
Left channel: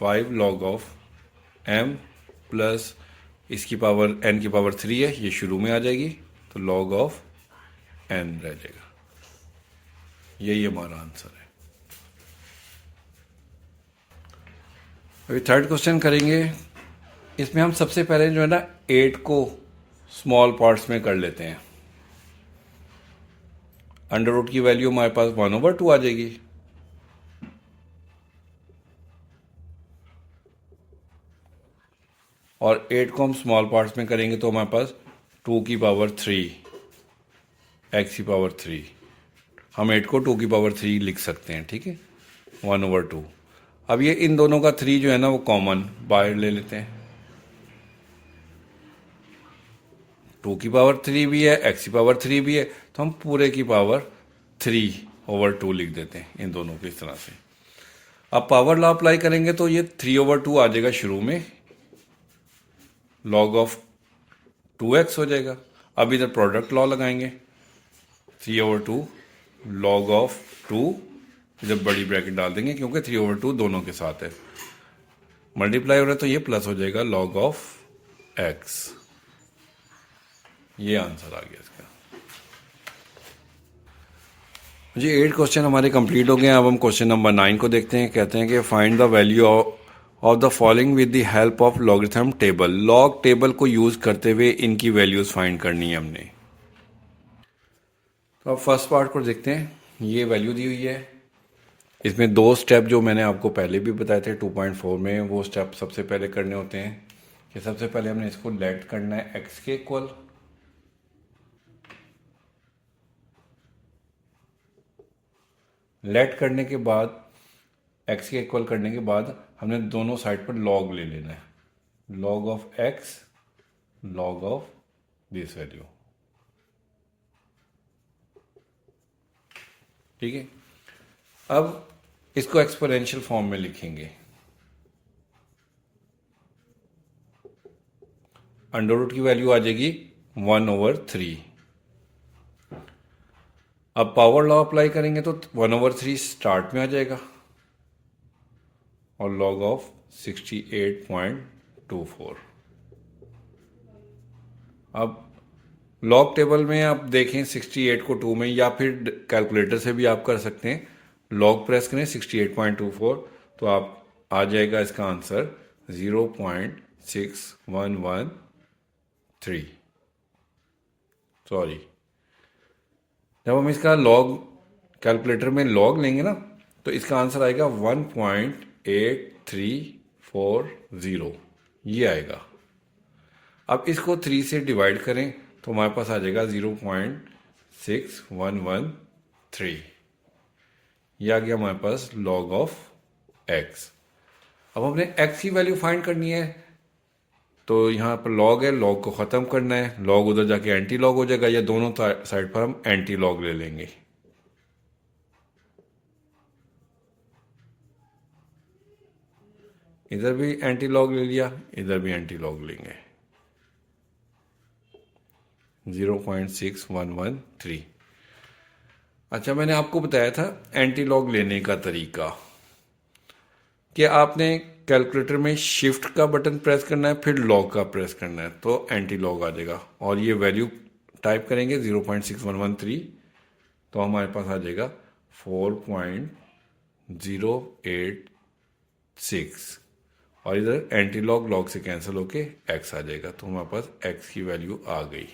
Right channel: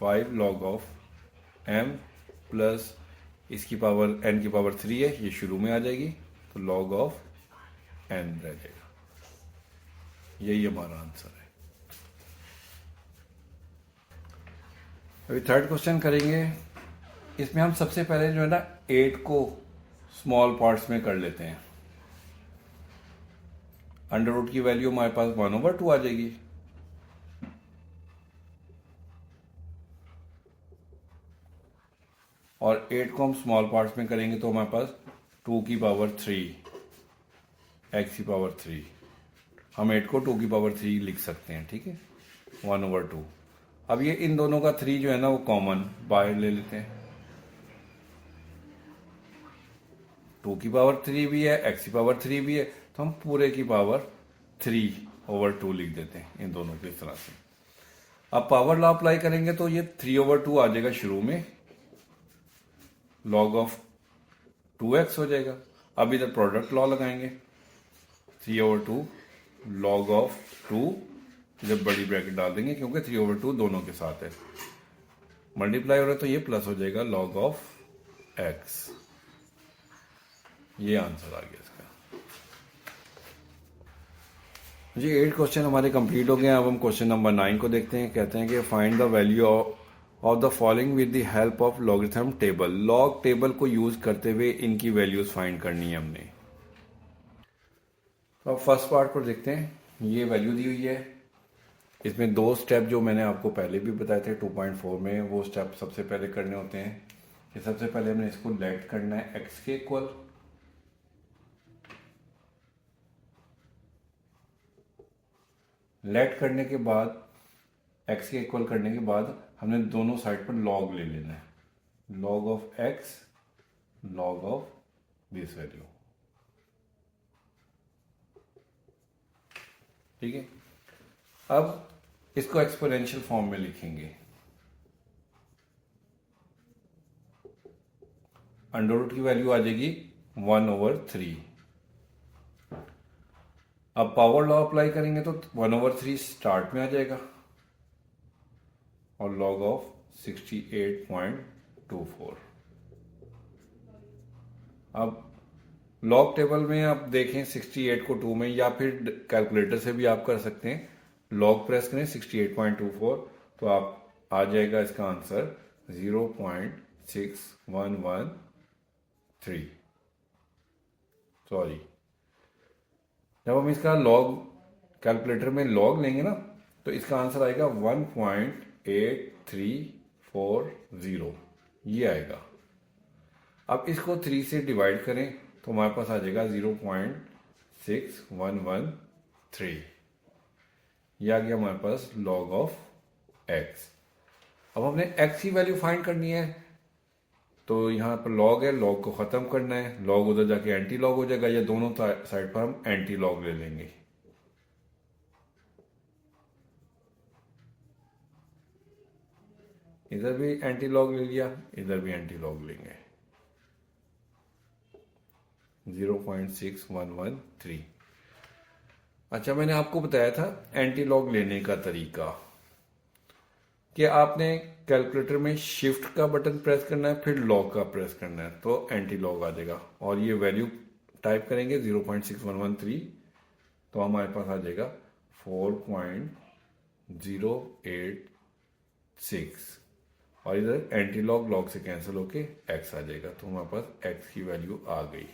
5 लॉग ऑफ m प्लस इसकी पावर n⁵ है, ये शुरू में आ जाएगी, तो लॉग ऑफ n रह जाएगा। यही हमारा आंसर है। अभी थर्ड क्वेश्चन करेंगे। इसमें हम सबसे पहले जो है ना 8 को स्मॉल पार्ट्स में कर लेते हैं। अंडर रूट की वैल्यू हमारे पास 1/2 आ जाएगी, और 8 को हम स्मॉल पार्ट्स में करेंगे तो हमारे पास 2⁵ x⁵। हम 8 को 2⁵ लिख सकते हैं। ठीक है, 1/2। अब ये इन दोनों का 3 जो है ना वो कॉमन बाहर ले लेते हैं। 2⁵ भी है, x⁵ भी है, तो हम पूरे की पावर 3/2 लिख देते हैं इन दोनों को इस तरह से। अब पावर लॉ अप्लाई करेंगे तो ये 3/2 आ जाएगा शुरू में, लॉग ऑफ 2x हो जाएगा। अब इधर प्रोडक्ट लॉ लगाएंगे, 3/2 लॉग ऑफ 2, इधर बड़ी ब्रैकेट डाल देंगे क्योंकि 3/2 दोनों के साथ है, मल्टीप्लाई हो रहा है तो ये प्लस हो जाएगा लॉग ऑफ x। ये आंसर आ गया इसका। जी 8 क्वेश्चन हमारे कंप्लीट हो गए हैं। अब हम क्वेश्चन नंबर 9 को देखते हैं। कहते हैं कि find the value of the following with the help of logarithm table. Log table को यूज करते हुए इनकी वैल्यूज फाइंड करनी है हमने। तो अब फर्स्ट पार्ट को देखते हैं। ये वैल्यू दी हुई है, इसमें 2 स्टेप जो मैंने आपको पहले भी बताए थे 2.4 में, वो स्टेप सबसे पहले करने होते हैं कि सबसे पहले हमने इसको लेट करना है x के इक्वल, लेट करने के बाद x के इक्वल करने के बाद हमने दोनों साइड पर लॉग ले लेना है, log of x log of this value. ठीक है, अब इसको एक्सपोनेंशियल फॉर्म में लिखेंगे। अंडर रूट की वैल्यू आ जाएगी 1/3। अब पावर लॉ अप्लाई करेंगे तो 1/3 स्टार्ट में आ जाएगा और लॉग ऑफ 68.24। अब लॉग टेबल में आप देखें 68 को 2 में, या फिर कैलकुलेटर से भी आप कर सकते हैं। लॉग प्रेस करें 68.24 तो आप आ जाएगा इसका आंसर 0.6113। सॉरी, जब हम इसका लॉग कैलकुलेटर में लॉग लेंगे ना तो इसका आंसर आएगा 1.8340, ये आएगा। अब इसको 3 से डिवाइड करें तो हमारे पास आ जाएगा 0.6113, ये आ गया हमारे पास लॉग ऑफ एक्स। अब हमने एक्स की वैल्यू फाइंड करनी है, तो यहाँ पर लॉग है, लॉग को ख़त्म करना है, लॉग उधर जाके एंटी लॉग हो जाएगा, या दोनों साइड पर हम एंटी लॉग ले लेंगे। इधर भी एंटी लॉग ले लिया, इधर भी एंटी लॉग लेंगे, 0.6113। अच्छा, मैंने आपको बताया था एंटी लॉग लेने का तरीका कि आपने कैलकुलेटर में शिफ्ट का बटन प्रेस करना है, फिर लॉग का प्रेस करना है, तो एंटी लॉग आ जाएगा। और ये वैल्यू टाइप करेंगे 0.6113 तो हमारे पास आ जाएगा 4.086, और इधर एंटी लॉग लॉग से कैंसिल होके एक्स आ जाएगा, तो हमारे पास एक्स की वैल्यू आ गई।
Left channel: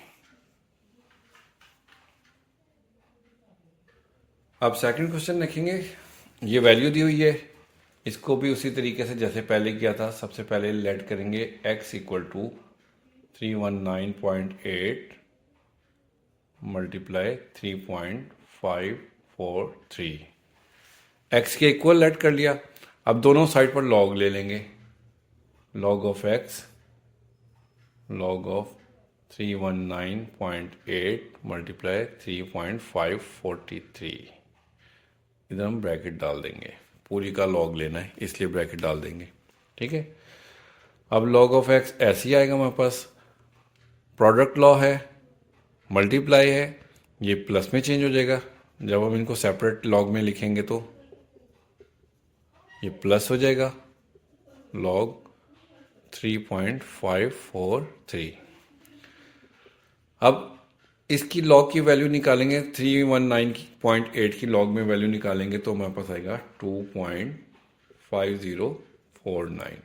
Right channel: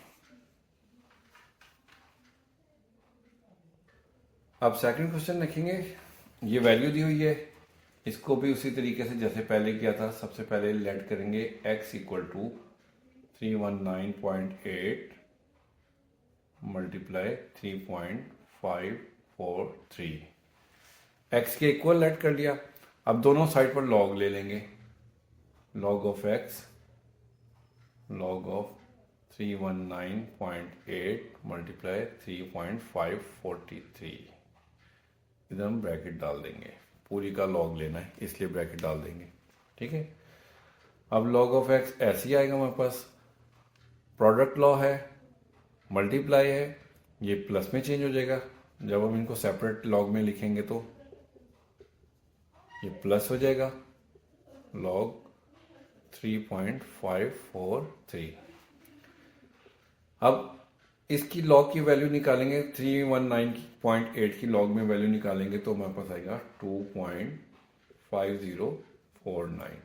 अब सेकंड क्वेश्चन देखेंगे, ये वैल्यू दी हुई है, इसको भी उसी तरीके से जैसे पहले किया था। सबसे पहले लेट करेंगे x equal to 319.8 multiply 3.543, x के इक्वल लेट कर लिया। अब दोनों साइड पर लॉग ले लेंगे, log of x, log of 319.8 multiply 3.543, इधर हम ब्रैकेट डाल देंगे, पूरी का लॉग लेना है इसलिए ब्रैकेट डाल देंगे, ठीक है। अब लॉग ऑफ एक्स ऐसे ही आएगा हमारे पास, प्रोडक्ट लॉ है, मल्टीप्लाई है, ये प्लस में चेंज हो जाएगा। जब हम इनको सेपरेट लॉग में लिखेंगे तो ये प्लस हो जाएगा, लॉग 3.543। अब इसकी लॉग की वैल्यू निकालेंगे, 319.8 की लॉग में वैल्यू निकालेंगे तो हमारे पास आएगा 2.5049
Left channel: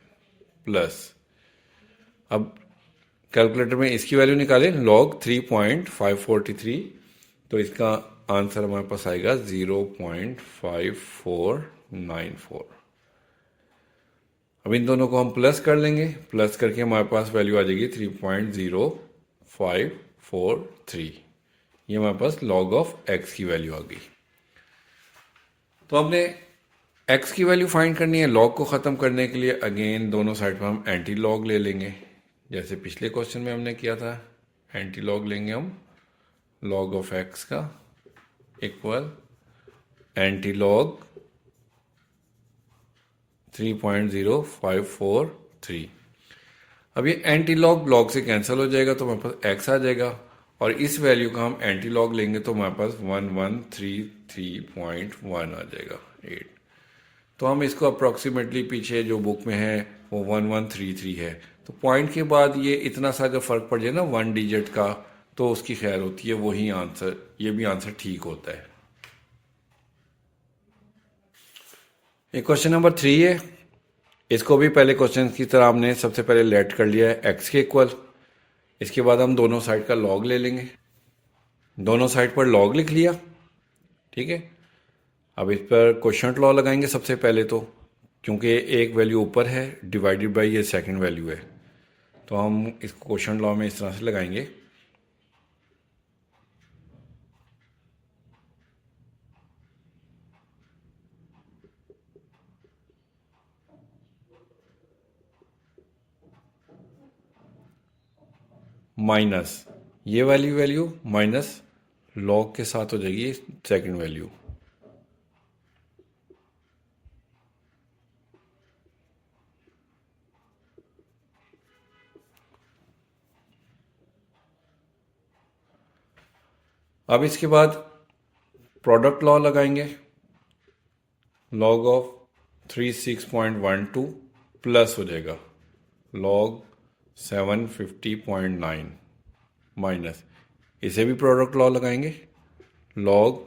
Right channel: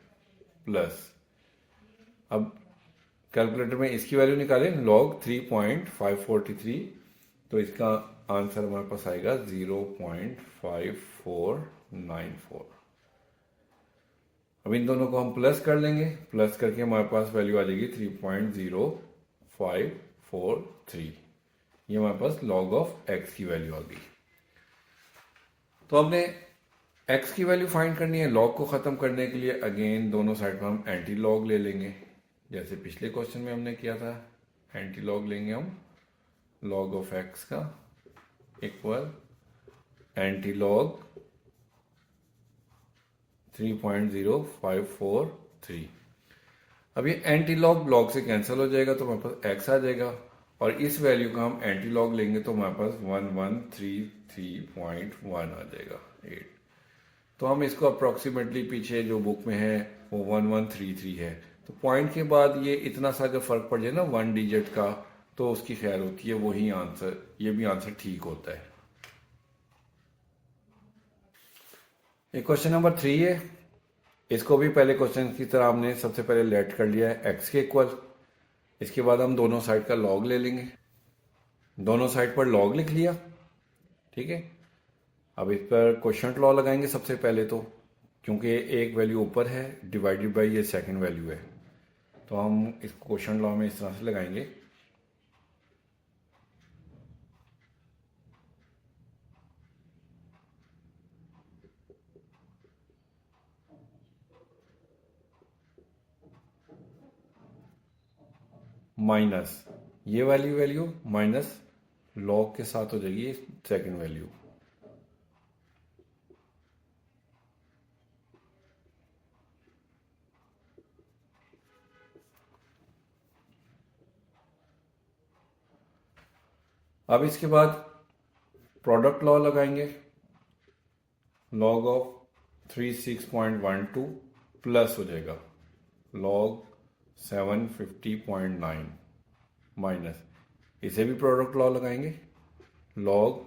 प्लस, अब कैलकुलेटर में इसकी वैल्यू निकालें लॉग 3.543 तो इसका आंसर हमारे पास आएगा 0.5494। अब इन दोनों को हम प्लस कर लेंगे, प्लस करके हमारे पास वैल्यू आ जाएगी 3.0543, ये हमारे पास लॉग ऑफ एक्स की वैल्यू आ गई। तो हमने एक्स की वैल्यू फाइंड करनी है, लॉग को ख़त्म करने के लिए अगेन दोनों साइड पर हम एंटी लॉग ले लेंगे, जैसे पिछले क्वेश्चन में हमने किया था। एंटी लॉग लेंगे हम लॉग ऑफ एक्स का इक्वल एंटी लॉग 3.0543। अब ये एंटी लॉग लॉग से कैंसिल हो जाएगा तो हमारे पास एक्स आ जाएगा, और इस वैल्यू का हम एंटी लॉग लेंगे तो हमारे पास 1133.1 आ जाएगा 8। तो हम इसको अप्रॉक्सीमेटली पीछे जो बुक में है वो 1133 है, तो पॉइंट के बाद ये इतना सा अगर फ़र्क पड़ जाए ना 1 डिजिट का तो उसकी खैर होती है, वही आंसर, ये भी आंसर ठीक होता है। ये क्वेश्चन नंबर 3 है, इसको भी पहले क्वेश्चन की तरह हमने सबसे पहले लेट कर लिया है एक्स के इक्वल। इसके बाद हम दोनों साइड का लॉग ले लेंगे, दोनों साइड पर लॉग लिख लिया, ठीक है। अब इस पर क्वोशंट लॉ लगाएंगे सबसे पहले, तो क्योंकि एक वैल्यू ऊपर है डिवाइडेड बाय ये सेकंड वैल्यू है, तो हम इस क्वोशंट लॉ में इस तरह से लगाएंगे, माइनस ये वाली वैल्यू माइनस लॉग के साथ हो जाएगी सेकंड वैल्यू। अब इसके बाद प्रोडक्ट लॉ लगाएंगे, लॉग ऑफ 36.12 प्लस हो जाएगा log 750.9 माइनस, इसे भी प्रोडक्ट लॉ लगाएंगे log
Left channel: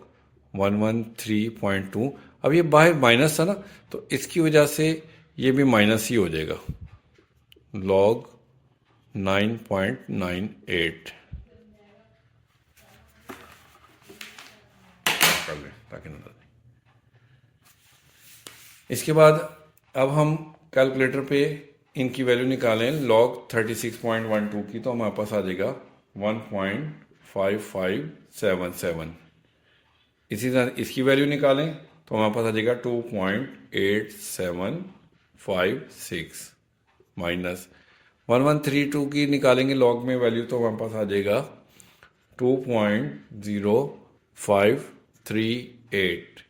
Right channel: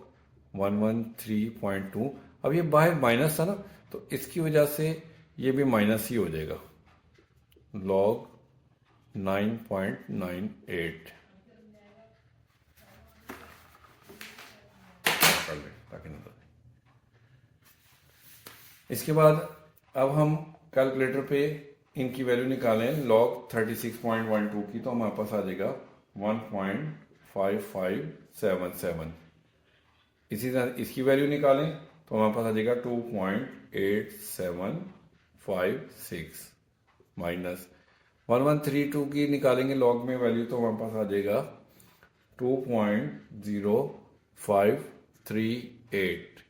113.2। अब ये बाहर माइनस था ना, तो इसकी वजह से ये भी माइनस ही हो जाएगा log 9.98 कर लें ताकि नजर। इसके बाद अब हम कैलकुलेटर पे इनकी वैल्यू निकालें log 36.12 की, तो हमारे पास आ जाएगा 1.5577। इसी तरह इसकी वैल्यू निकालें तो हमारे पास आ जाएगा 2.8756 माइनस 1132 की निकालेंगे लॉग में वैल्यू, तो हमारे पास आ जाएगा 2.0538।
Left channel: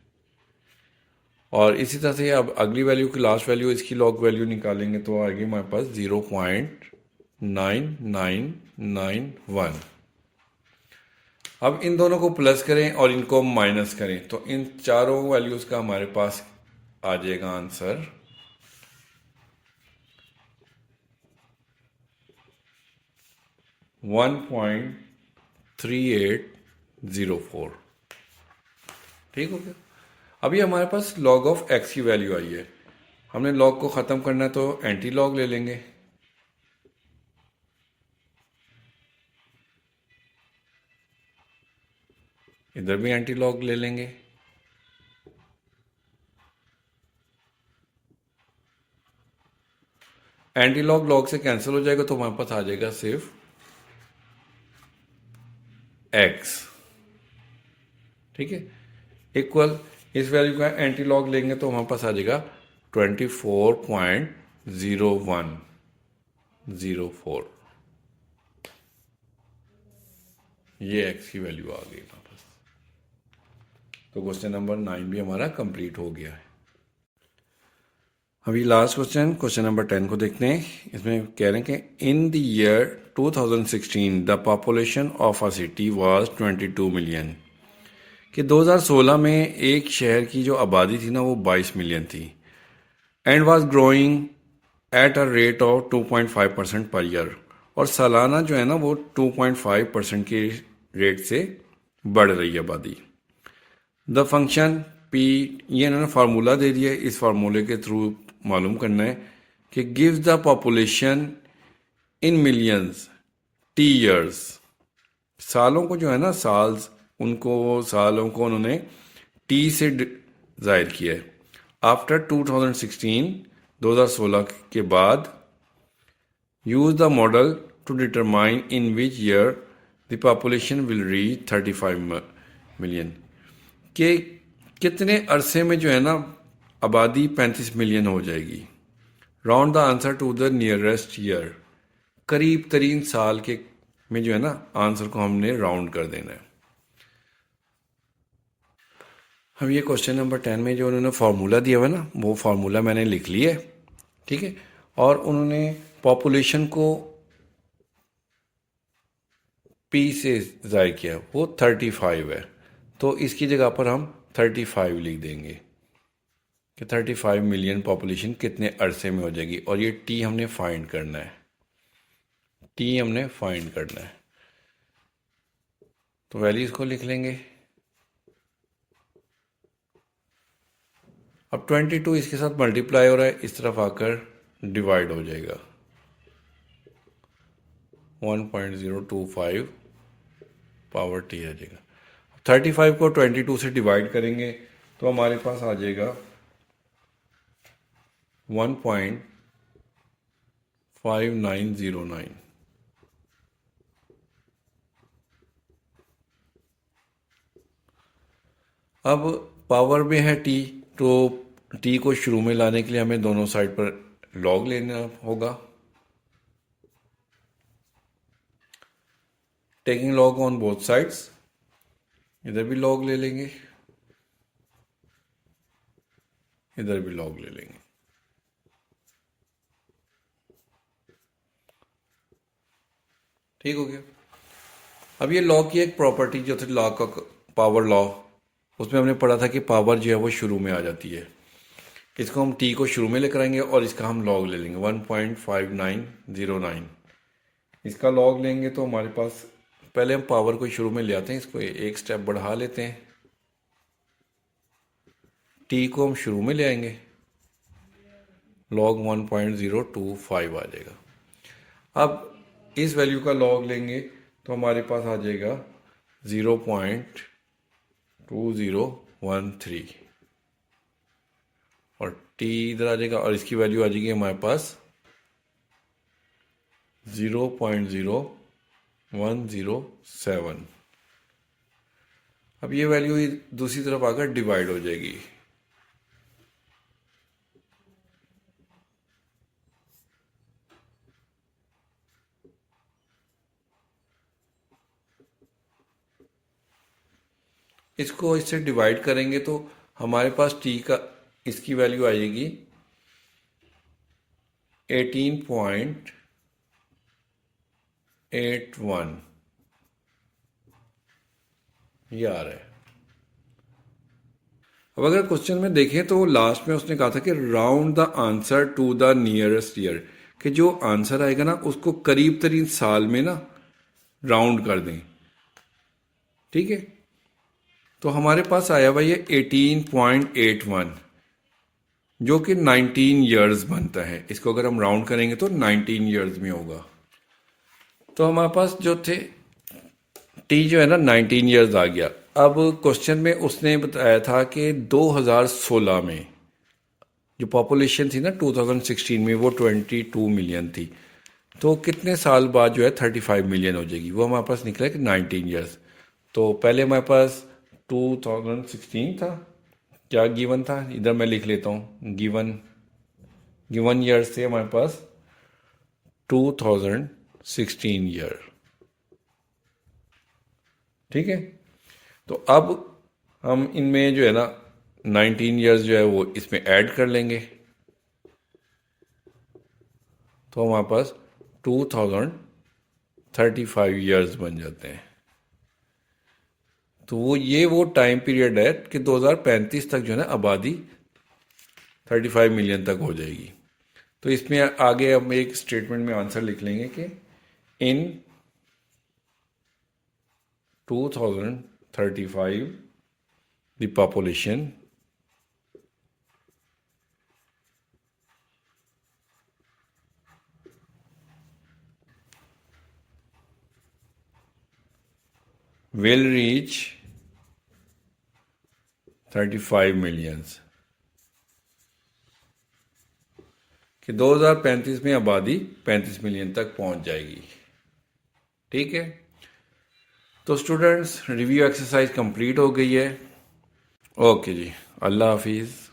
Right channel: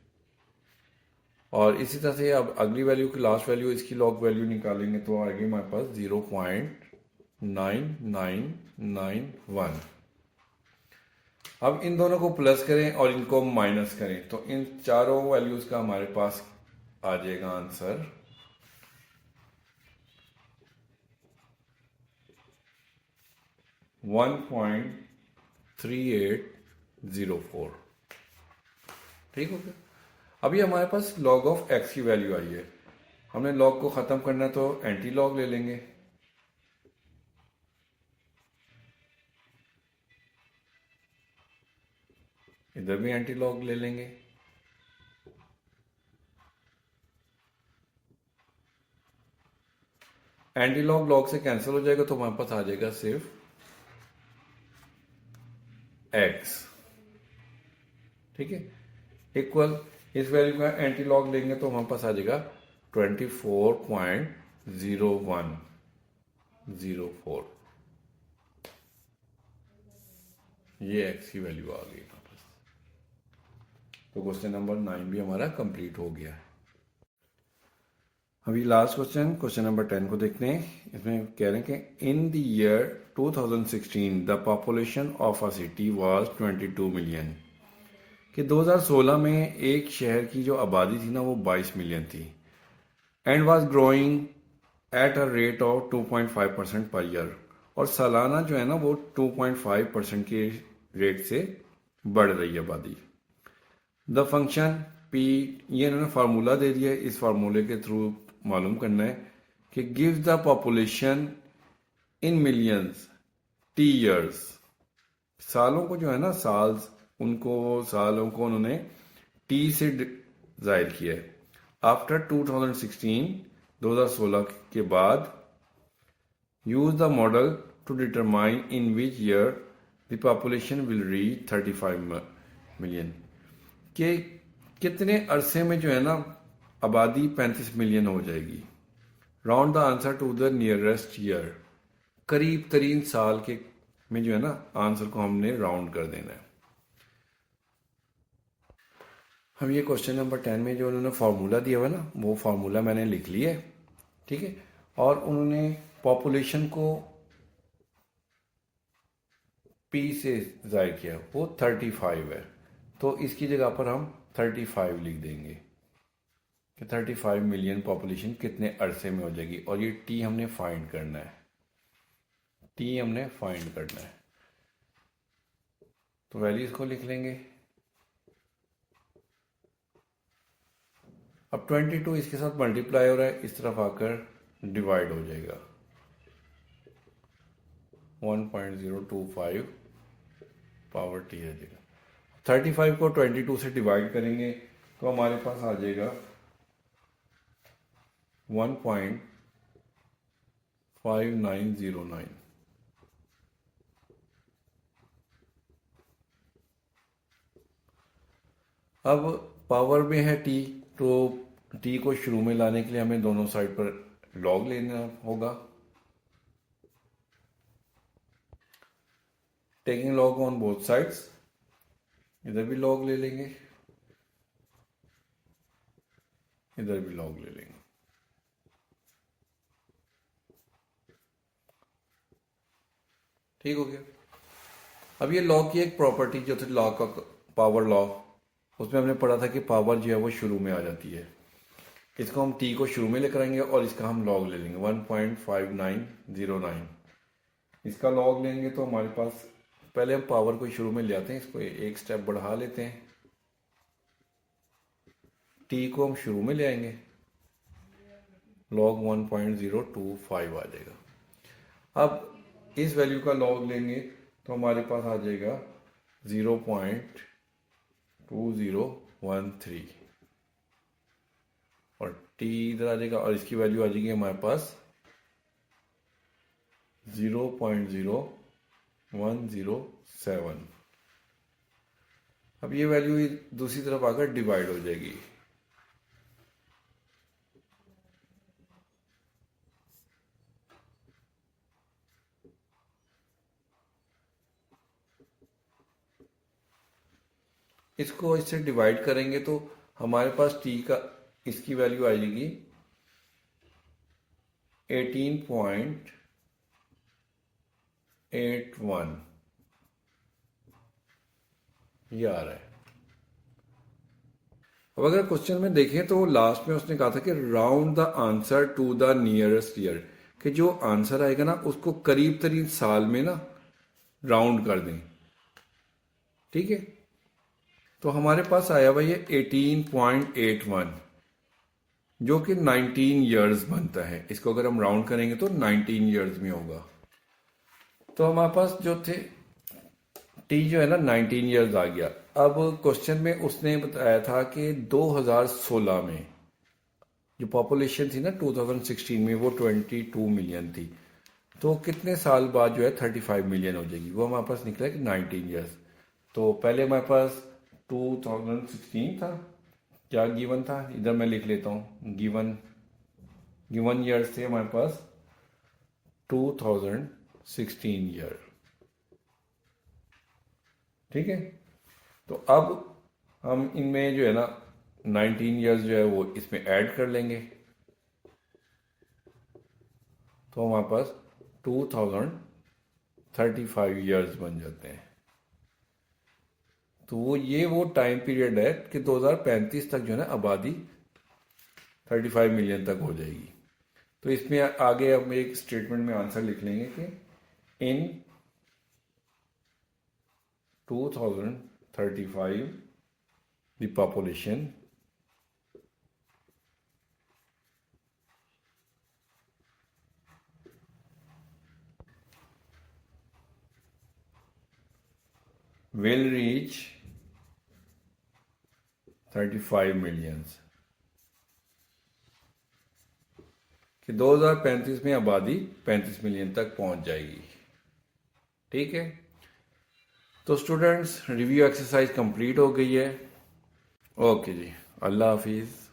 और इसी तरह से अब अगली वैल्यू की लास्ट वैल्यू इसकी लॉग वैल्यू निकालेंगे तो आएगी हमारे पास 0.9991। अब इन दोनों को प्लस करें और इनको माइनस करें तो इन चारों वैल्यूज का हमारे पास आ जाएगा आंसर 1.3804। ठीक हो गया। अभी हमारे पास log ऑफ x की वैल्यू आई है, हमने log को ख़त्म करना है तो एंटी log ले लेंगे। इधर भी एंटी लॉग ले लेंगे। एंटी लॉग लॉग से कैंसिल हो जाएगा तो हमारे पास आ जाएगा सिर्फ x। ठीक है, इक्वल इस वैल्यू का एंटी लॉग लेंगे तो हमारे पास आ जाएगा 24.0104। ये x की वैल्यू आ गई हमारे पास। तो क्वेश्चन नंबर 9 भी हमारा कंप्लीट हो गया है। अभी लास्ट क्वेश्चन नंबर 10 को देखते हैं। इसमें कह रहे हैं कि in the year 2016 the population of a city was 22 million, कि 2016 में एक शहर की जो आबादी थी ना वो 22 मिलियन थी, and was growing at a rate of 2.5% per year, और सालाना जो है ना वो 2.5% के रेट से बढ़ रही है आबादी। द फंक्शन पी, ये इन्होंने फार्मूला दे दिया है, इस फार्मूले के थ्रू मालूम करना है कि gives the population in millions T years, सालों को जो है ना साल्स, उनको सालों को उन्होंने टी से जाहिर किया है। आफ्टर 2016 के बाद use the model to determine in which year the population will reach 35 million, कि कितने अरसे में जो है ना आबादी 35 मिलियन हो जाएगी। Round the answer to the nearest year, करीब तरीन साल के में जो है ना आंसर को हमने राउंड कर देना है। अब ये क्वेश्चन नंबर 10 में जो उन्होंने फार्मूला दिया हुआ है ना वो फार्मूला मैंने लिख लिया है। ठीक है, और उन्होंने पॉपुलेशन को पी से ज़ाहिर किया, वो 35 है, तो इसकी जगह पर हम 35 लिख देंगे कि 35 मिलियन पॉपुलेशन कितने अरसे में हो जाएगी। और ये टी हमने फाइंड करना है, टी हमने फाइंड करना है, तो वैल्यूज को लिख लेंगे। अब 22 इसके साथ मल्टीप्लाई हो रहा है, इस तरफ आकर डिवाइड हो जाएगा 1.025 पावर टी आ जाएगा। 35 को 22 से डिवाइड करेंगे तो हमारे पास आ जाएगा 1.5909। अब पावर में है टी, तो टी को शुरू में लाने के लिए हमें दोनों साइड पर लॉग लेना होगा। Taking log on both sides, इधर भी लॉग ले लेंगे, इधर भी लॉग ले लेंगे। ठीक हो गया। अब ये लॉ की एक प्रॉपर्टी जो थी लॉ का, पावर लॉ, उसमें हमने पढ़ा था कि पावर जो है वो शुरू में आ जाती है, इसको हम टी को शुरू में लेकर आएंगे और इसका हम लॉग ले लेंगे 1.5909। इसका लॉग लेंगे तो हमारे पास, पहले हम पावर को शुरू में ले आते हैं, इसको एक स्टेप बढ़ा लेते हैं, टी को हम शुरू में ले आएंगे, लॉग 1.025 आ जाएगा। अब इस वैल्यू का लॉग लेंगे तो हमारे पास आ जाएगा 0.2013 और टी इधर आ जाएगा और इसकी वैल्यू आ जाएगी हमारे पास 0.0107। अब ये वैल्यू दूसरी तरफ आकर डिवाइड हो जाएगी। इसको इससे डिवाइड करेंगे तो हमारे पास टी का, इसकी वैल्यू आएगी 18.81, ये आ रहा है। अब अगर क्वेश्चन में देखें तो लास्ट में उसने कहा था कि round the answer to the nearest year, कि जो आंसर आएगा ना उसको करीब तरीन साल में ना राउंड कर दें। ठीक है, तो हमारे पास आया हुआ ये 18.81 जो कि 19 ईयर्स बनता है। इसको अगर हम राउंड करेंगे तो 19 ईयर्स में होगा। तो हमारे पास जो थे टी जो है ना 19 ईयर्स आ गया। अब क्वेश्चन में उसने बताया था कि 2016 में जो पॉपुलेशन थी ना 2016 में वो 22 मिलियन थी, तो कितने साल बाद जो है 35 मिलियन हो जाएगी। वो हमारे पास निकला कि 19 ईयर्स। तो पहले हमारे पास 2016 था, क्या गिवन था, इधर मैं लिख लेता हूँ, गिवन ईयर्स थे हमारे पास 2016 ईयर। ठीक है, तो अब हम इनमें जो है ना 19 ईयर्स जो है वो इसमें ऐड कर लेंगे, तो हमारे पास 2035 ईयर्स बन जाते हैं। तो वो टाइम पीरियड है कि 2035 तक जो है ना आबादी 35 मिलियन तक हो जाएगी। तो इसमें आगे हम एक स्टेटमेंट में आंसर लिख लेंगे कि इन 2035 the population will reach 35 millions, कि 2035 में आबादी 35 मिलियन तक पहुंच जाएगी। ठीक है, तो स्टूडेंट्स रिव्यू एक्सरसाइज कंप्लीट हो गई है। ओके जी, अल्लाह हाफिज़।